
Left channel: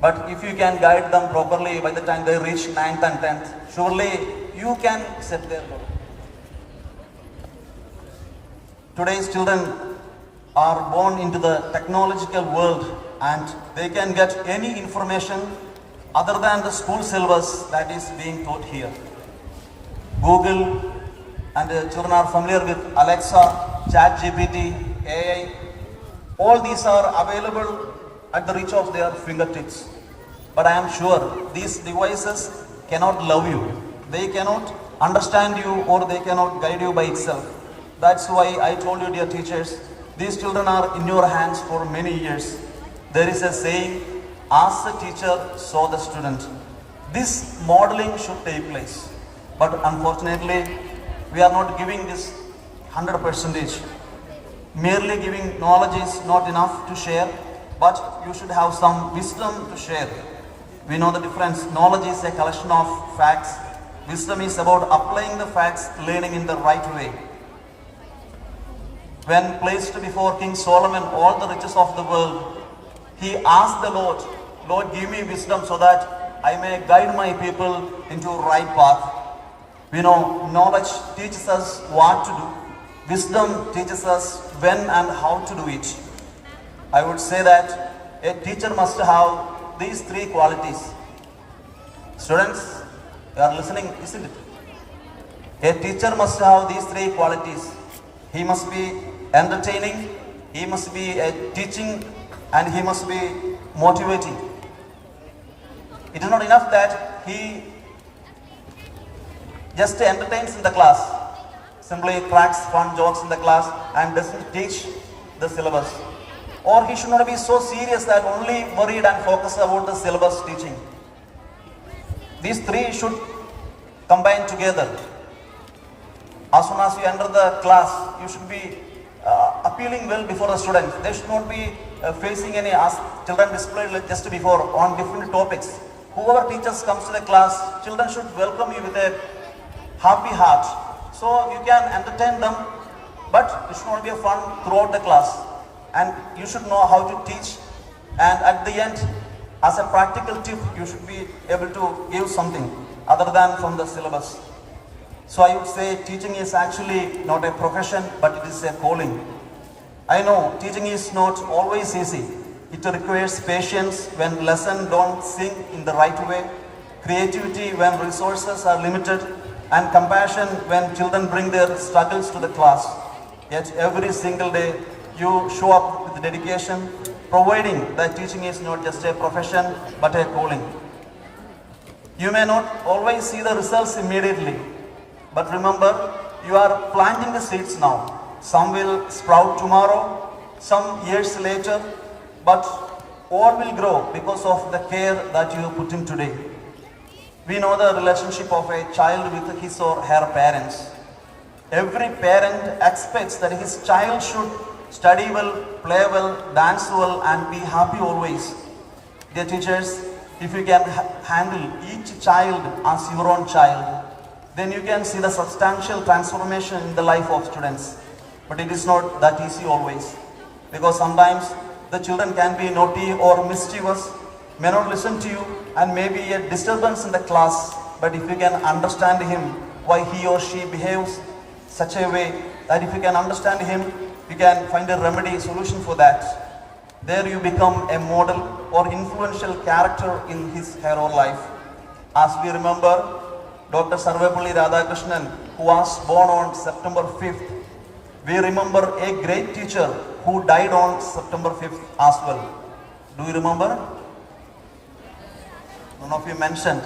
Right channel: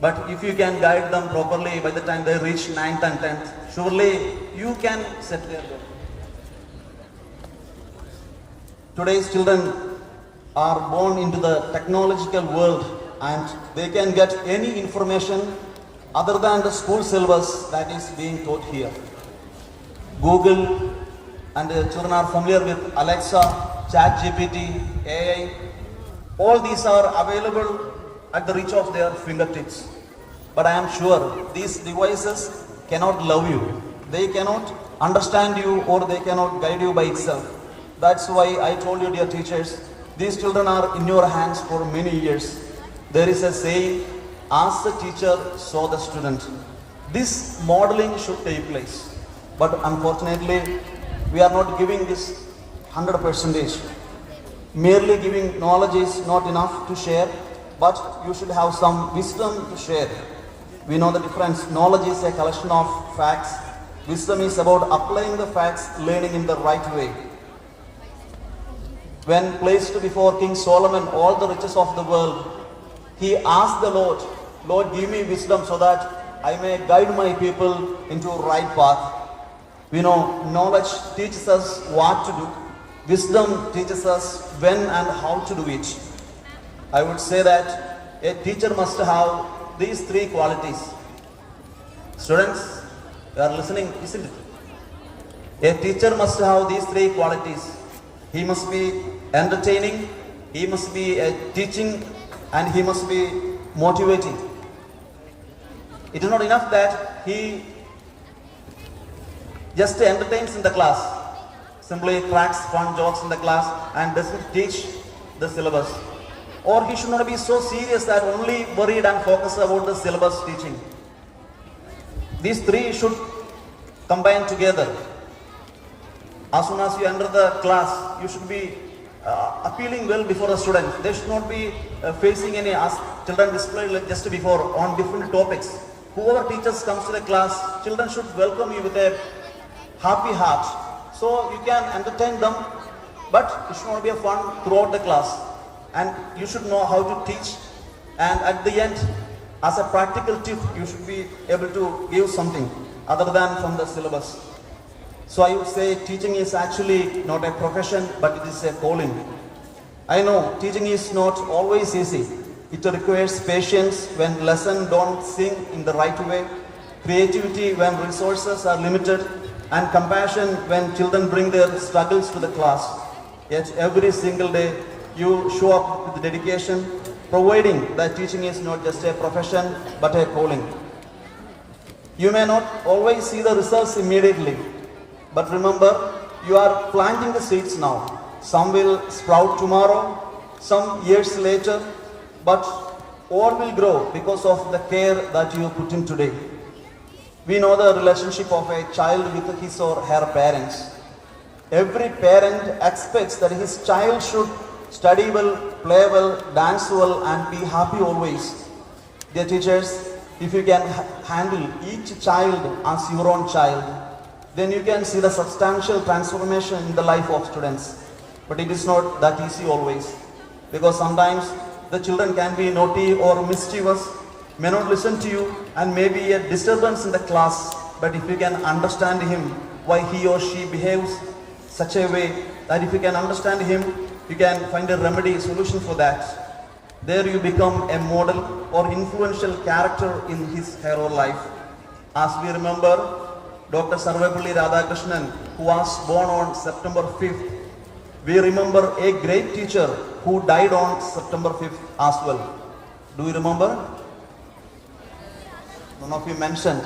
But if you can guide them properly by the time they reach 9th and 10th, surely you can set their goal. Today's children are born into the technological world and they can get any information other than the school syllabus that is being taught here. Google, and children are familiar with Alexa, ChatGPT, AI. All these are available at the reach of their fingertips. But I am sure these devices cannot love you. They cannot understand you or they cannot guide you by itself. That's why I told you, dear teachers, these children are in your hands for many years. There is a saying, ask the teacher, so the student. This modeling should take place. But unfortunately, we are not giving this 100%. Merely giving knowledge is not enough to share, but you should have some wisdom to share. We know the difference. Knowledge is a collection of facts. Wisdom is about applying the facts, learning in the right way. When placed before King Solomon all the riches of the world, he asked the Lord, Lord, give me wisdom so that I may guide my people into right path. We know knowledge teaches us what to do. Wisdom teaches us when and how to do it. I would say that a teacher must have these three qualities. Students, you are listening, isn't it? A teacher must have these three qualities. He must be entertaining, he must be teaching, and he must be motivating. It is not enough that he just entertains in the class, simply cracks fun jokes in the class and doesn't teach the syllabus. Or he should not be so serious that only worried and focused about the syllabus teaching. These three should combine together. As soon as you enter the class, you should be appealing well before the students. They should not be facing any, as children displayed just before, on different topics. Whoever teachers comes to the class, children should welcome you with a happy heart. So you can entertain them, but it should not be fun throughout the class. And you should know how to teach. And at the end, as a practical tip, you should be able to give something other than from the syllabus. So I would say teaching is actually not a profession, but it is a calling. I know teaching is not always easy. It requires patience when lessons don't sink in the right way, creativity when resources are limited, and compassion when children bring their struggles to the class. Yet every single day you show up with dedication, providing that teaching is not just a profession but a calling. You may not always see the results immediately, but remember, you are planting the seeds now. Some will sprout tomorrow, some years later, but all will grow because of the care that you put in today. We know the relationship of a child with his or her parents. Every parent expects that his child should study well, play well, dance well, and be happy always. Dear teachers, if you can handle each child as your own child, then you can see the substantial transformation in the life of students. But it is not that easy always, because sometimes the children can be naughty or mischievous, may not listen to you, and may be a disturbance in the class. But if you can understand him, why he or she behaves such a way, that if you can understand him, you can find a remedy, solution for that. There you become a model or influential character in his or her life. As we remember Dr. Sarvepalli Radhakrishnan, who was born on September 5th. We remember a great teacher who died on September 5th as well. Do you remember? One of you mentioned.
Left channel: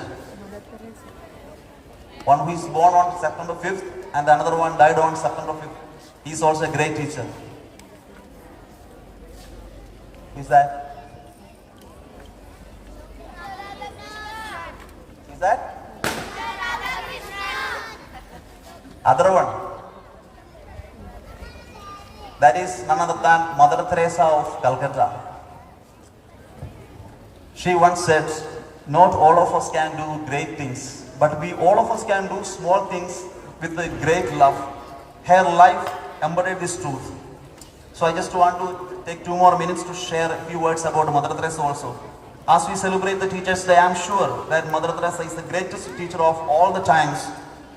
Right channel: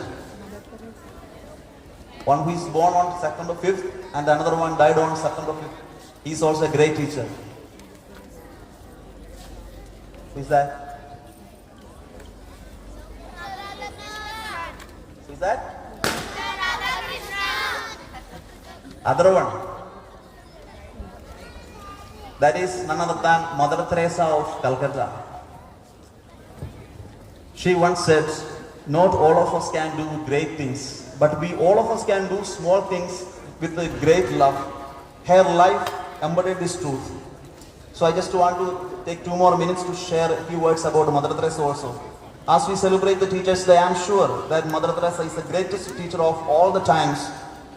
One who is born on September 5th and the another one died on September 5th. He is also a great teacher. Who is that? Who is that? Other one, that is none other than Mother Teresa of Calcutta. She once said, not all of us can do great things, but all of us can do small things with a great love. Her life embodied this truth. So I just want to take 2 more minutes to share a few words about Mother Teresa also. As we celebrate the Teachers' Day, I am sure that Mother Teresa is the greatest teacher of all the times,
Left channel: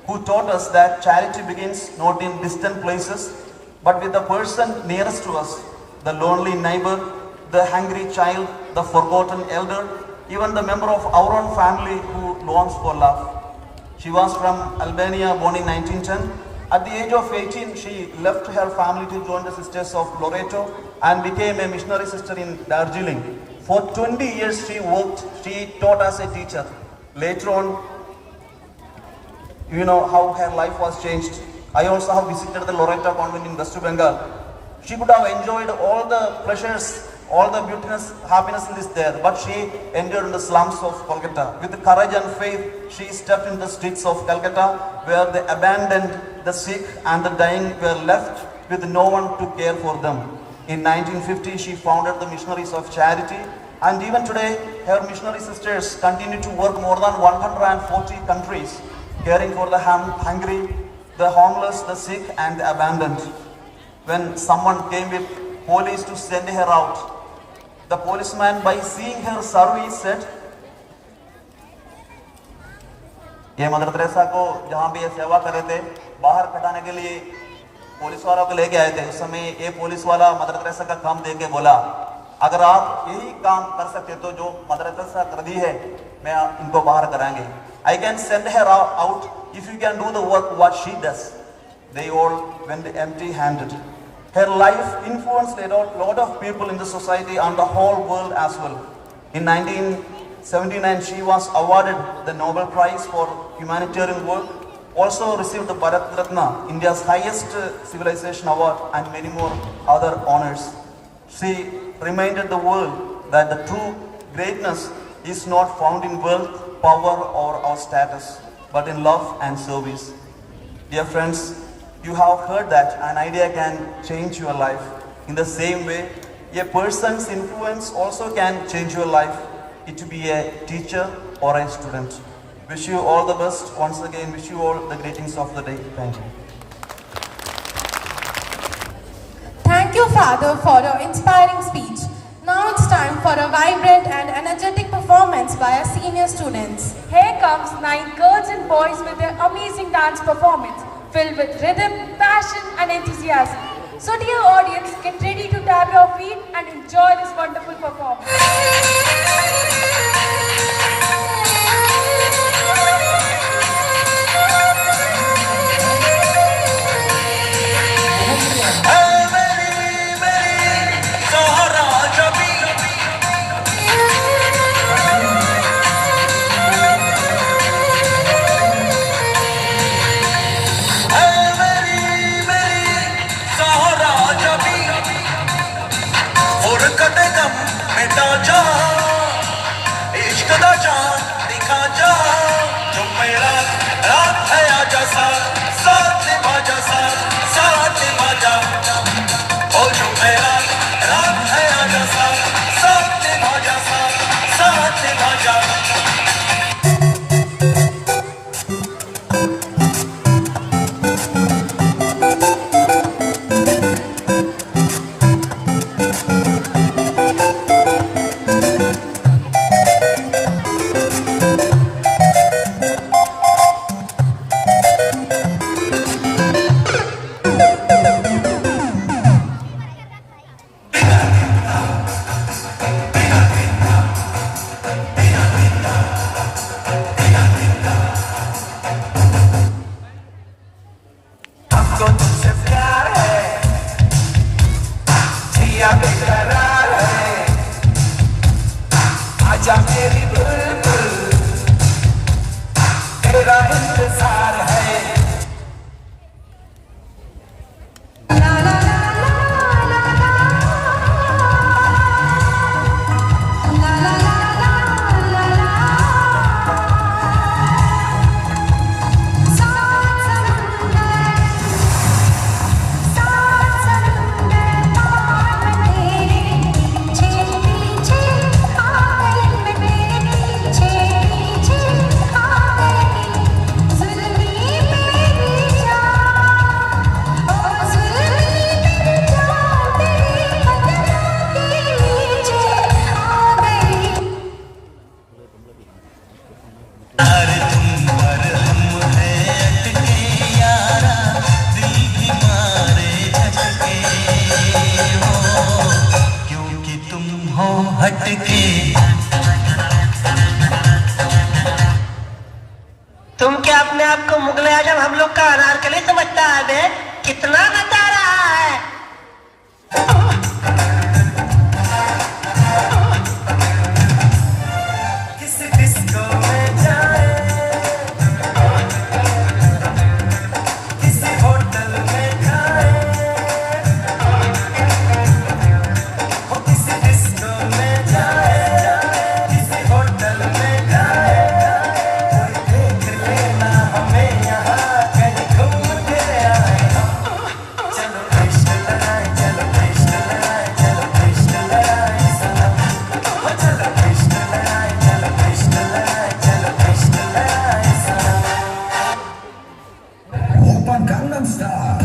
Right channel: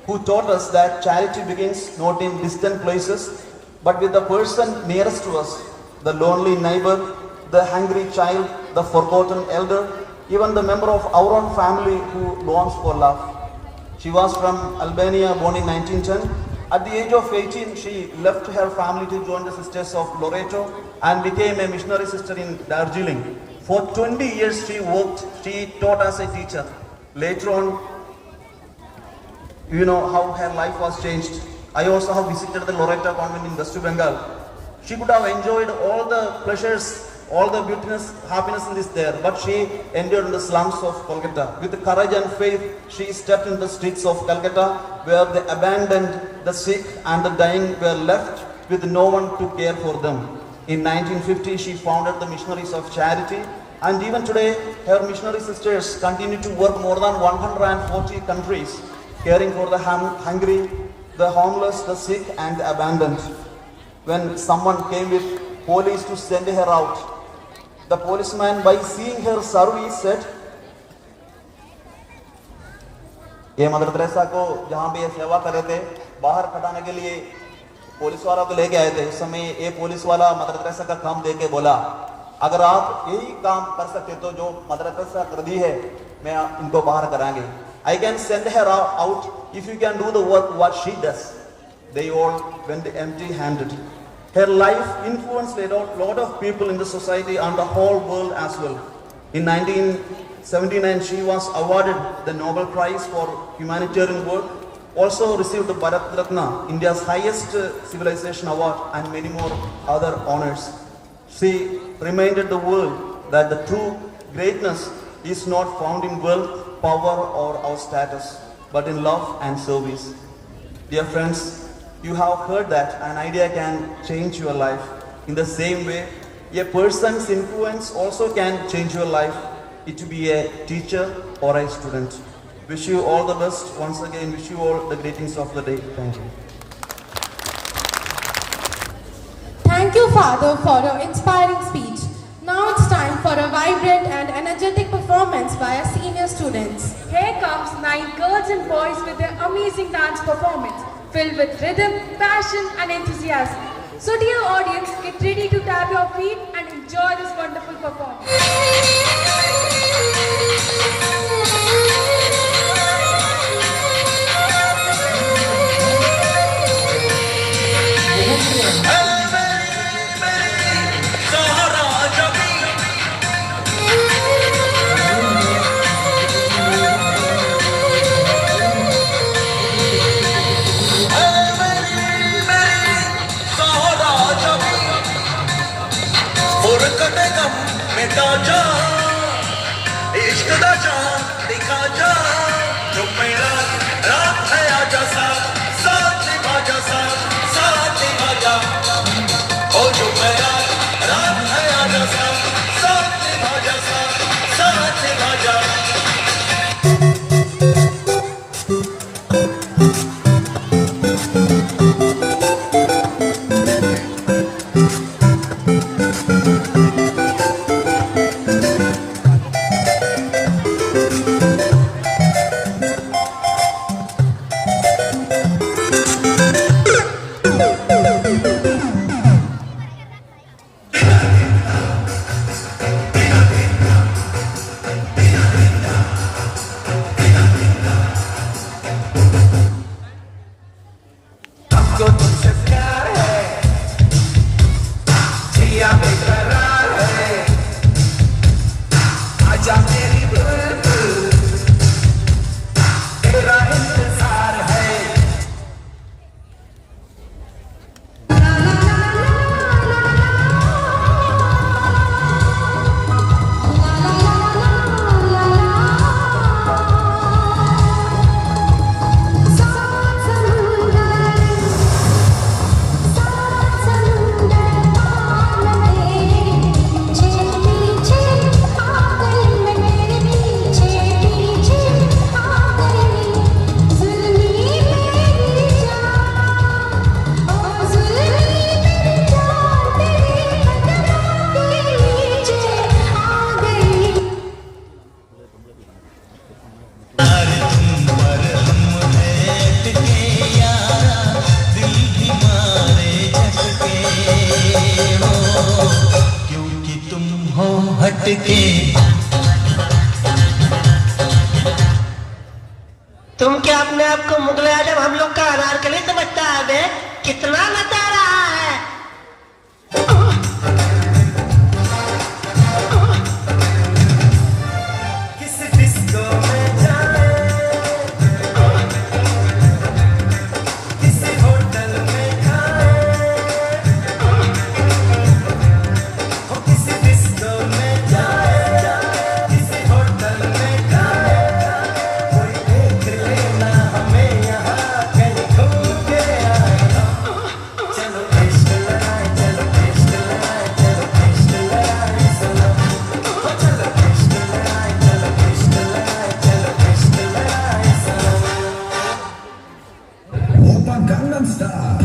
who taught us that charity begins not in distant places, but with the person nearest to us, the lonely neighbor, the hungry child, the forgotten elder, even the member of our own family who longs for love. She was from Albania, born in 1910. At the age of 18, she left her family to join the Sisters of Loreto and became a missionary sister in Darjeeling. For 20 years she worked, she taught as a teacher. Later on, you know how her life was changed. I also have visited the Loreto convent in West Bengal. She could have enjoyed all the pleasures, all the beautiness, happiness in this there, but she endured in the slums of Calcutta. With courage and faith, she stepped in the streets of Calcutta, where the abandoned, the sick and the dying were left with no one to care for them. In 1950, she founded the Missionaries of Charity, and even today, her missionary sisters continue to work more than 140 countries, caring for the hungry, the homeless, the sick and the abandoned. When someone came with police to send her out, the policeman, by seeing her service, said, ये mother Teresa को जहाँ भी ये सेवा कर रहे थे, बाहर खटाने के लिए पुलिस वाला को लेके आए थे। उस समय एक पुलिस वाला मदर तेरेसा का काम देख के बोला, अगर आप यही काम कर सकते तो जो मदर तेरेसा कर दी है, मैं इनको बाहर कराएंगे। I can send her out if you can do the work what she does. They all went empty-handed. Her life influenced a lot of people in the society and the whole world as well. In 1979, she was awarded the Nobel Prize for Humanitarian Work, also received the Bharat Ratna, India's highest civilization award, and many more other honors. She reminded the world that the true greatness is not found in wealth, power, or our status, but in love and service. Dear friends, you have heard that an idea can change your life. In the same way, a person's influence also can change your life. It to be a teacher or a student. Wish you all the best. Once again, wish you all the greetings of the day. Thank you. Thank you, Father, for your inspiring speech. Now it's time for a vibrant and energetic performance by our senior students. Here comes 9 girls and boys with their amazing dance performance, filled with rhythm, passion and enthusiasm. So dear audience, get ready to tap your feet and enjoy this wonderful performance. बेटा जा on Gangnam Style.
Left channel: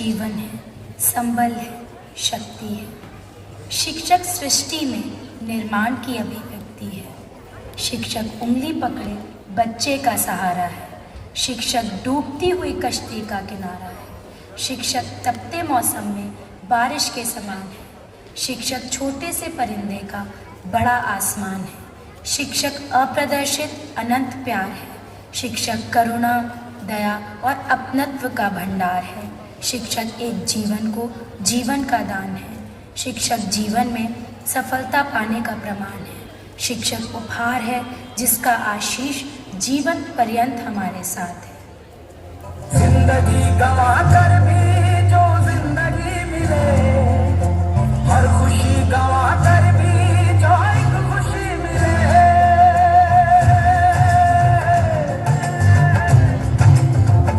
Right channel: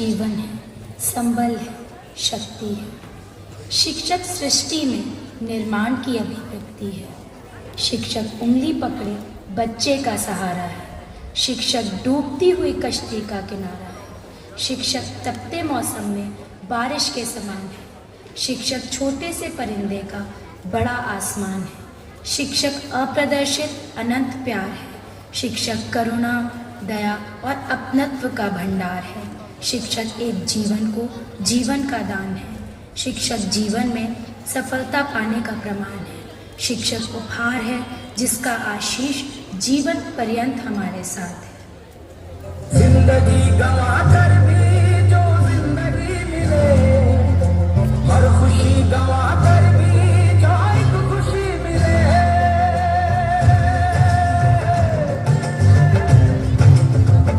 जीवन है, संबल है, शक्ति है। शिक्षक सृष्टि में निर्माण की अभिव्यक्ति है। शिक्षक उंगली पकड़े बच्चे का सहारा है। शिक्षक डूबती हुई कश्ती का किनारा है। शिक्षक तपते मौसम में बारिश के समान है। शिक्षक छोटे से परिंदे का बड़ा आसमान है। शिक्षक अप्रदर्शित अनंत प्यार है। शिक्षक करुणा, दया और अपनत्व का भंडार है। शिक्षक एक जीवन को जीवन का दान है। शिक्षक जीवन में सफलता पाने का प्रमाण है। शिक्षक उपहार है जिसका आशीष जीवन पर्यंत हमारे साथ है। जिंदगी गवा कर भी जो जिंदगी मिले, हर खुशी गवा कर भी जो एक खुशी मिले।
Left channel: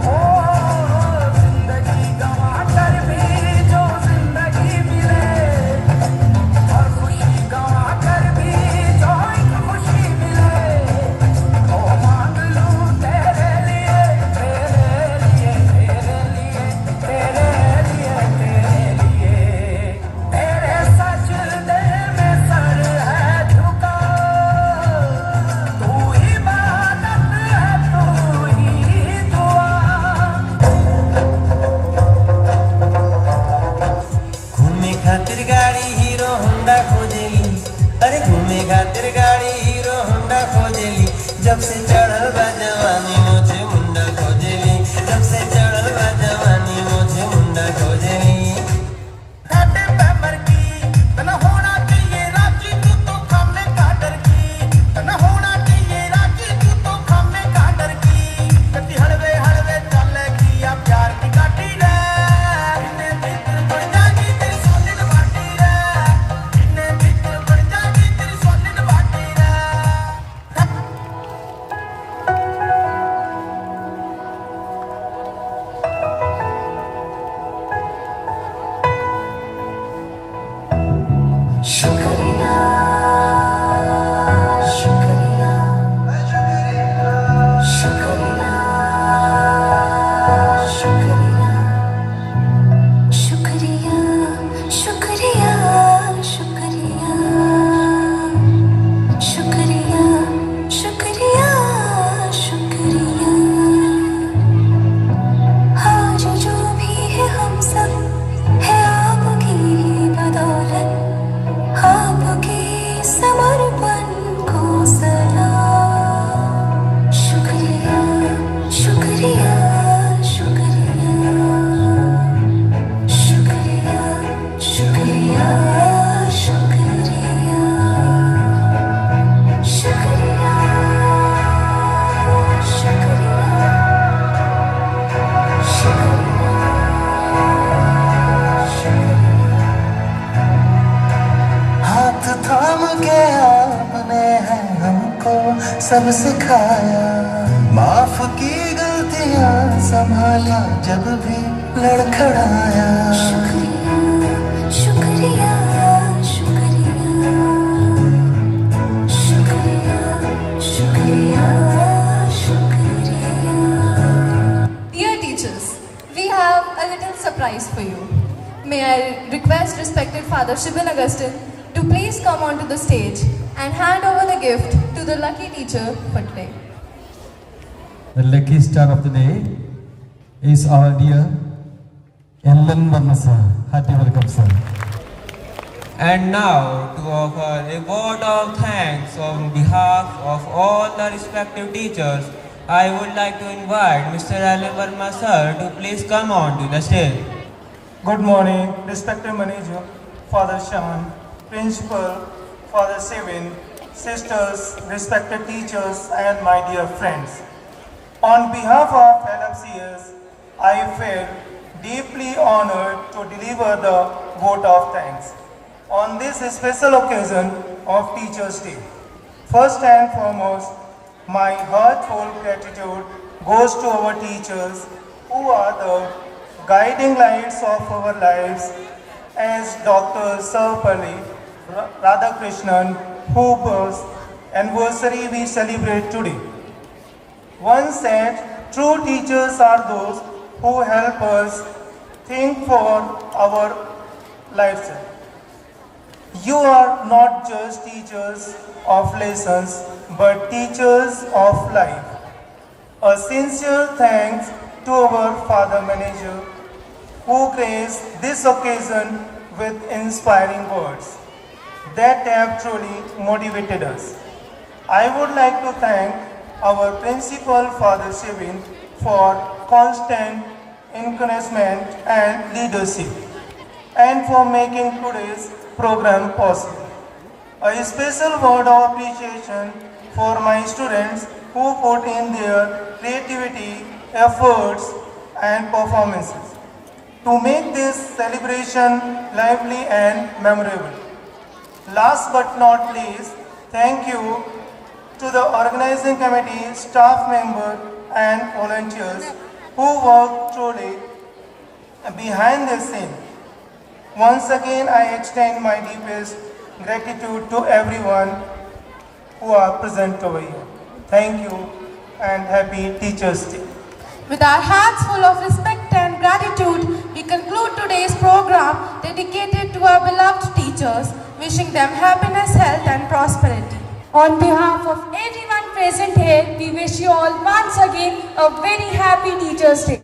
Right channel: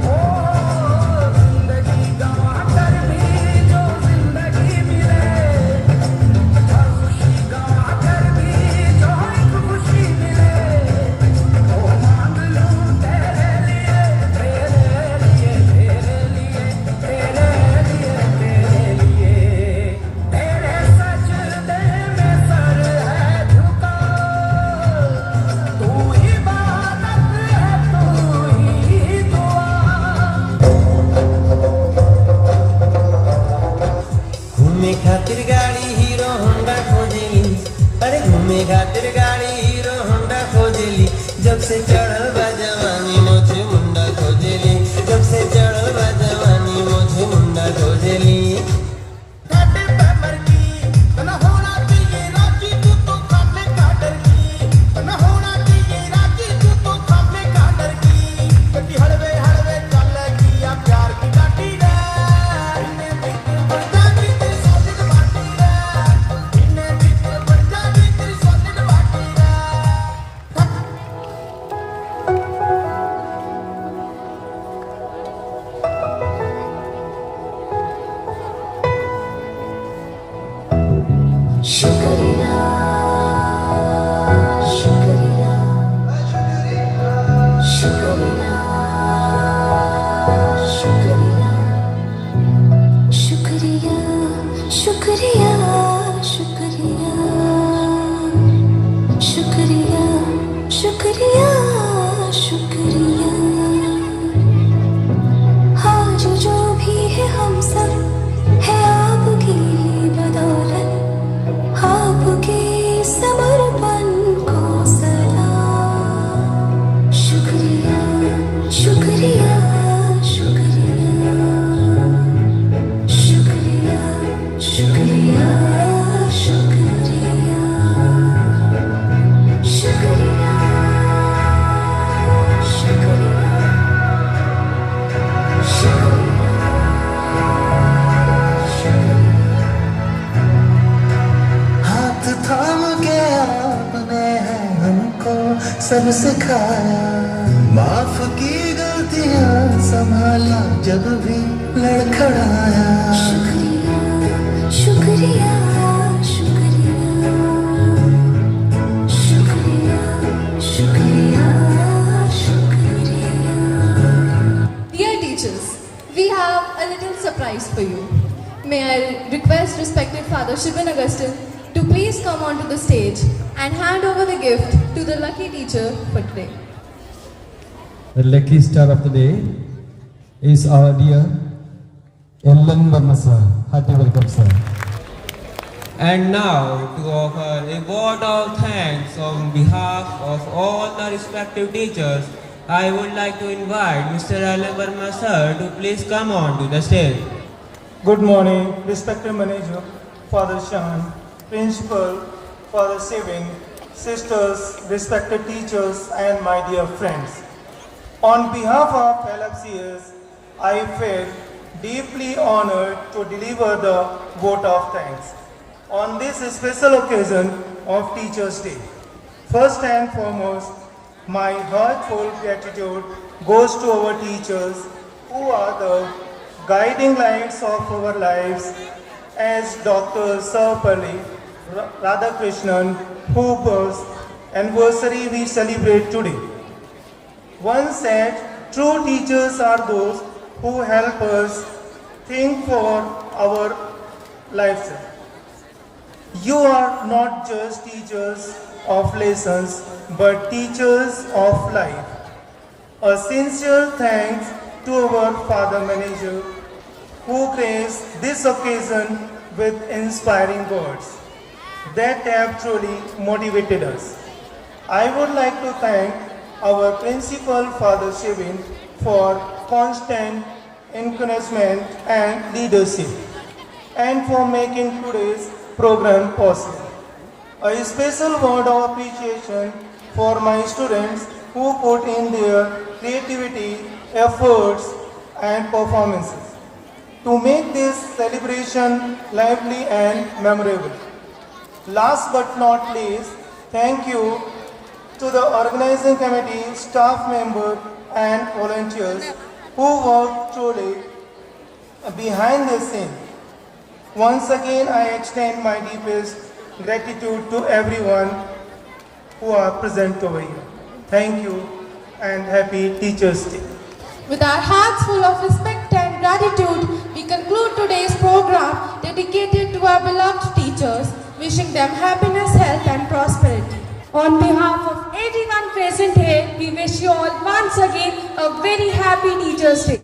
ओ जिंदगी गवा कर भी जो जिंदगी मिले, हर खुशी गवा कर भी जो एक खुशी मिले। ओ मांग लूं तेरे लिए, घूमे खातिर गाड़ी हीरो होंडा खोजेली, अरे घूमे खातिर गाड़ी हीरो होंडा खोजेली। जब से चढ़ल बा जवानी मुझे मुंडा खोजेली, जब से चढ़ल बा जवानी मुझे मुंडा खोजेली। घाटे पैमर की न होना चाहिए राखी, तू तो खामे काटर की न होना चाहिए राखी, तू तो खामे काटर की। कति हड़वे हड़वे चले की या प्यार की काटी रे, इन्हें भीतर बढ़ जागी तेरी सोनिल बाटी रे, इन्हें भीतर बढ़ जागी तेरी सोनिल बाटी रे। शुक्रिया, शुक्रिया, शुक्रिया, शुक्रिया, शुक्रिया, शुक्रिया, शुक्रिया, शुक्रिया, शुक्रिया, शुक्रिया। आज जो भी है हम सब है आपकी ही बदौलत, आपके समर्पण को सलाम। शुक्रिया, शुक्रिया, शुक्रिया, शुक्रिया, शुक्रिया, शुक्रिया, शुक्रिया, हाथ थाम के आपने है हमको सब सिखाया, माफ की गलतियां संभाला जब भी लड़खड़ाया। शुक्रिया, शुक्रिया, शुक्रिया, शुक्रिया, शुक्रिया। Dear teachers, we have a little surprise for you. May I request respected Father Shibin Augustine to please come onto the stage and hand over the gift to the lucky teacher for today. The lucky star of the day is our dear Ellen Verma sir. Hearty welcome, sir. And now to offer a vote of thanks on behalf of all the respective teachers, I would like to invite Mr. Ellen Verma sir to please come on to the stage. Good morning, respected manager, Father Shan, principal, Father Sivin, sisters, respected teachers, and my dear friends. On behalf of LFCS, I feel deeply honored to deliver the vote of thanks on this special occasion of Teachers' Day. First and foremost, my heartfelt gratitude goes to our teachers who are the guiding lights of our lives, as Dr. Sarvapalli Radhakrishnan, whose anniversary we celebrate today. Once said, true teachers are those who help us think for our lives. You are not just teachers of lessons, but teachers of life. A sincere thanks to our Father Manager who graced this occasion with inspiring words that have truly motivated us. I would like to thank our principal, Father Shivin, for constant encouragement and leadership, and for making today's program possible. A special word of appreciation for my students who put in their creativity, efforts, and performances to make this celebration lively and memorable. Last but not least, thank you to the organizing committee, staff members, and volunteers who work truly behind the scene. Once again, I extend my deepest gratitude to everyone who are present over here. Thank you and happy Teachers' Day. With our hearts full of respect and gratitude, we conclude today's program dedicated to our beloved teachers, wishing them happiness, health, and prosperity. On behalf of everyone present here, we wish you all once again a very happy Teachers' Day.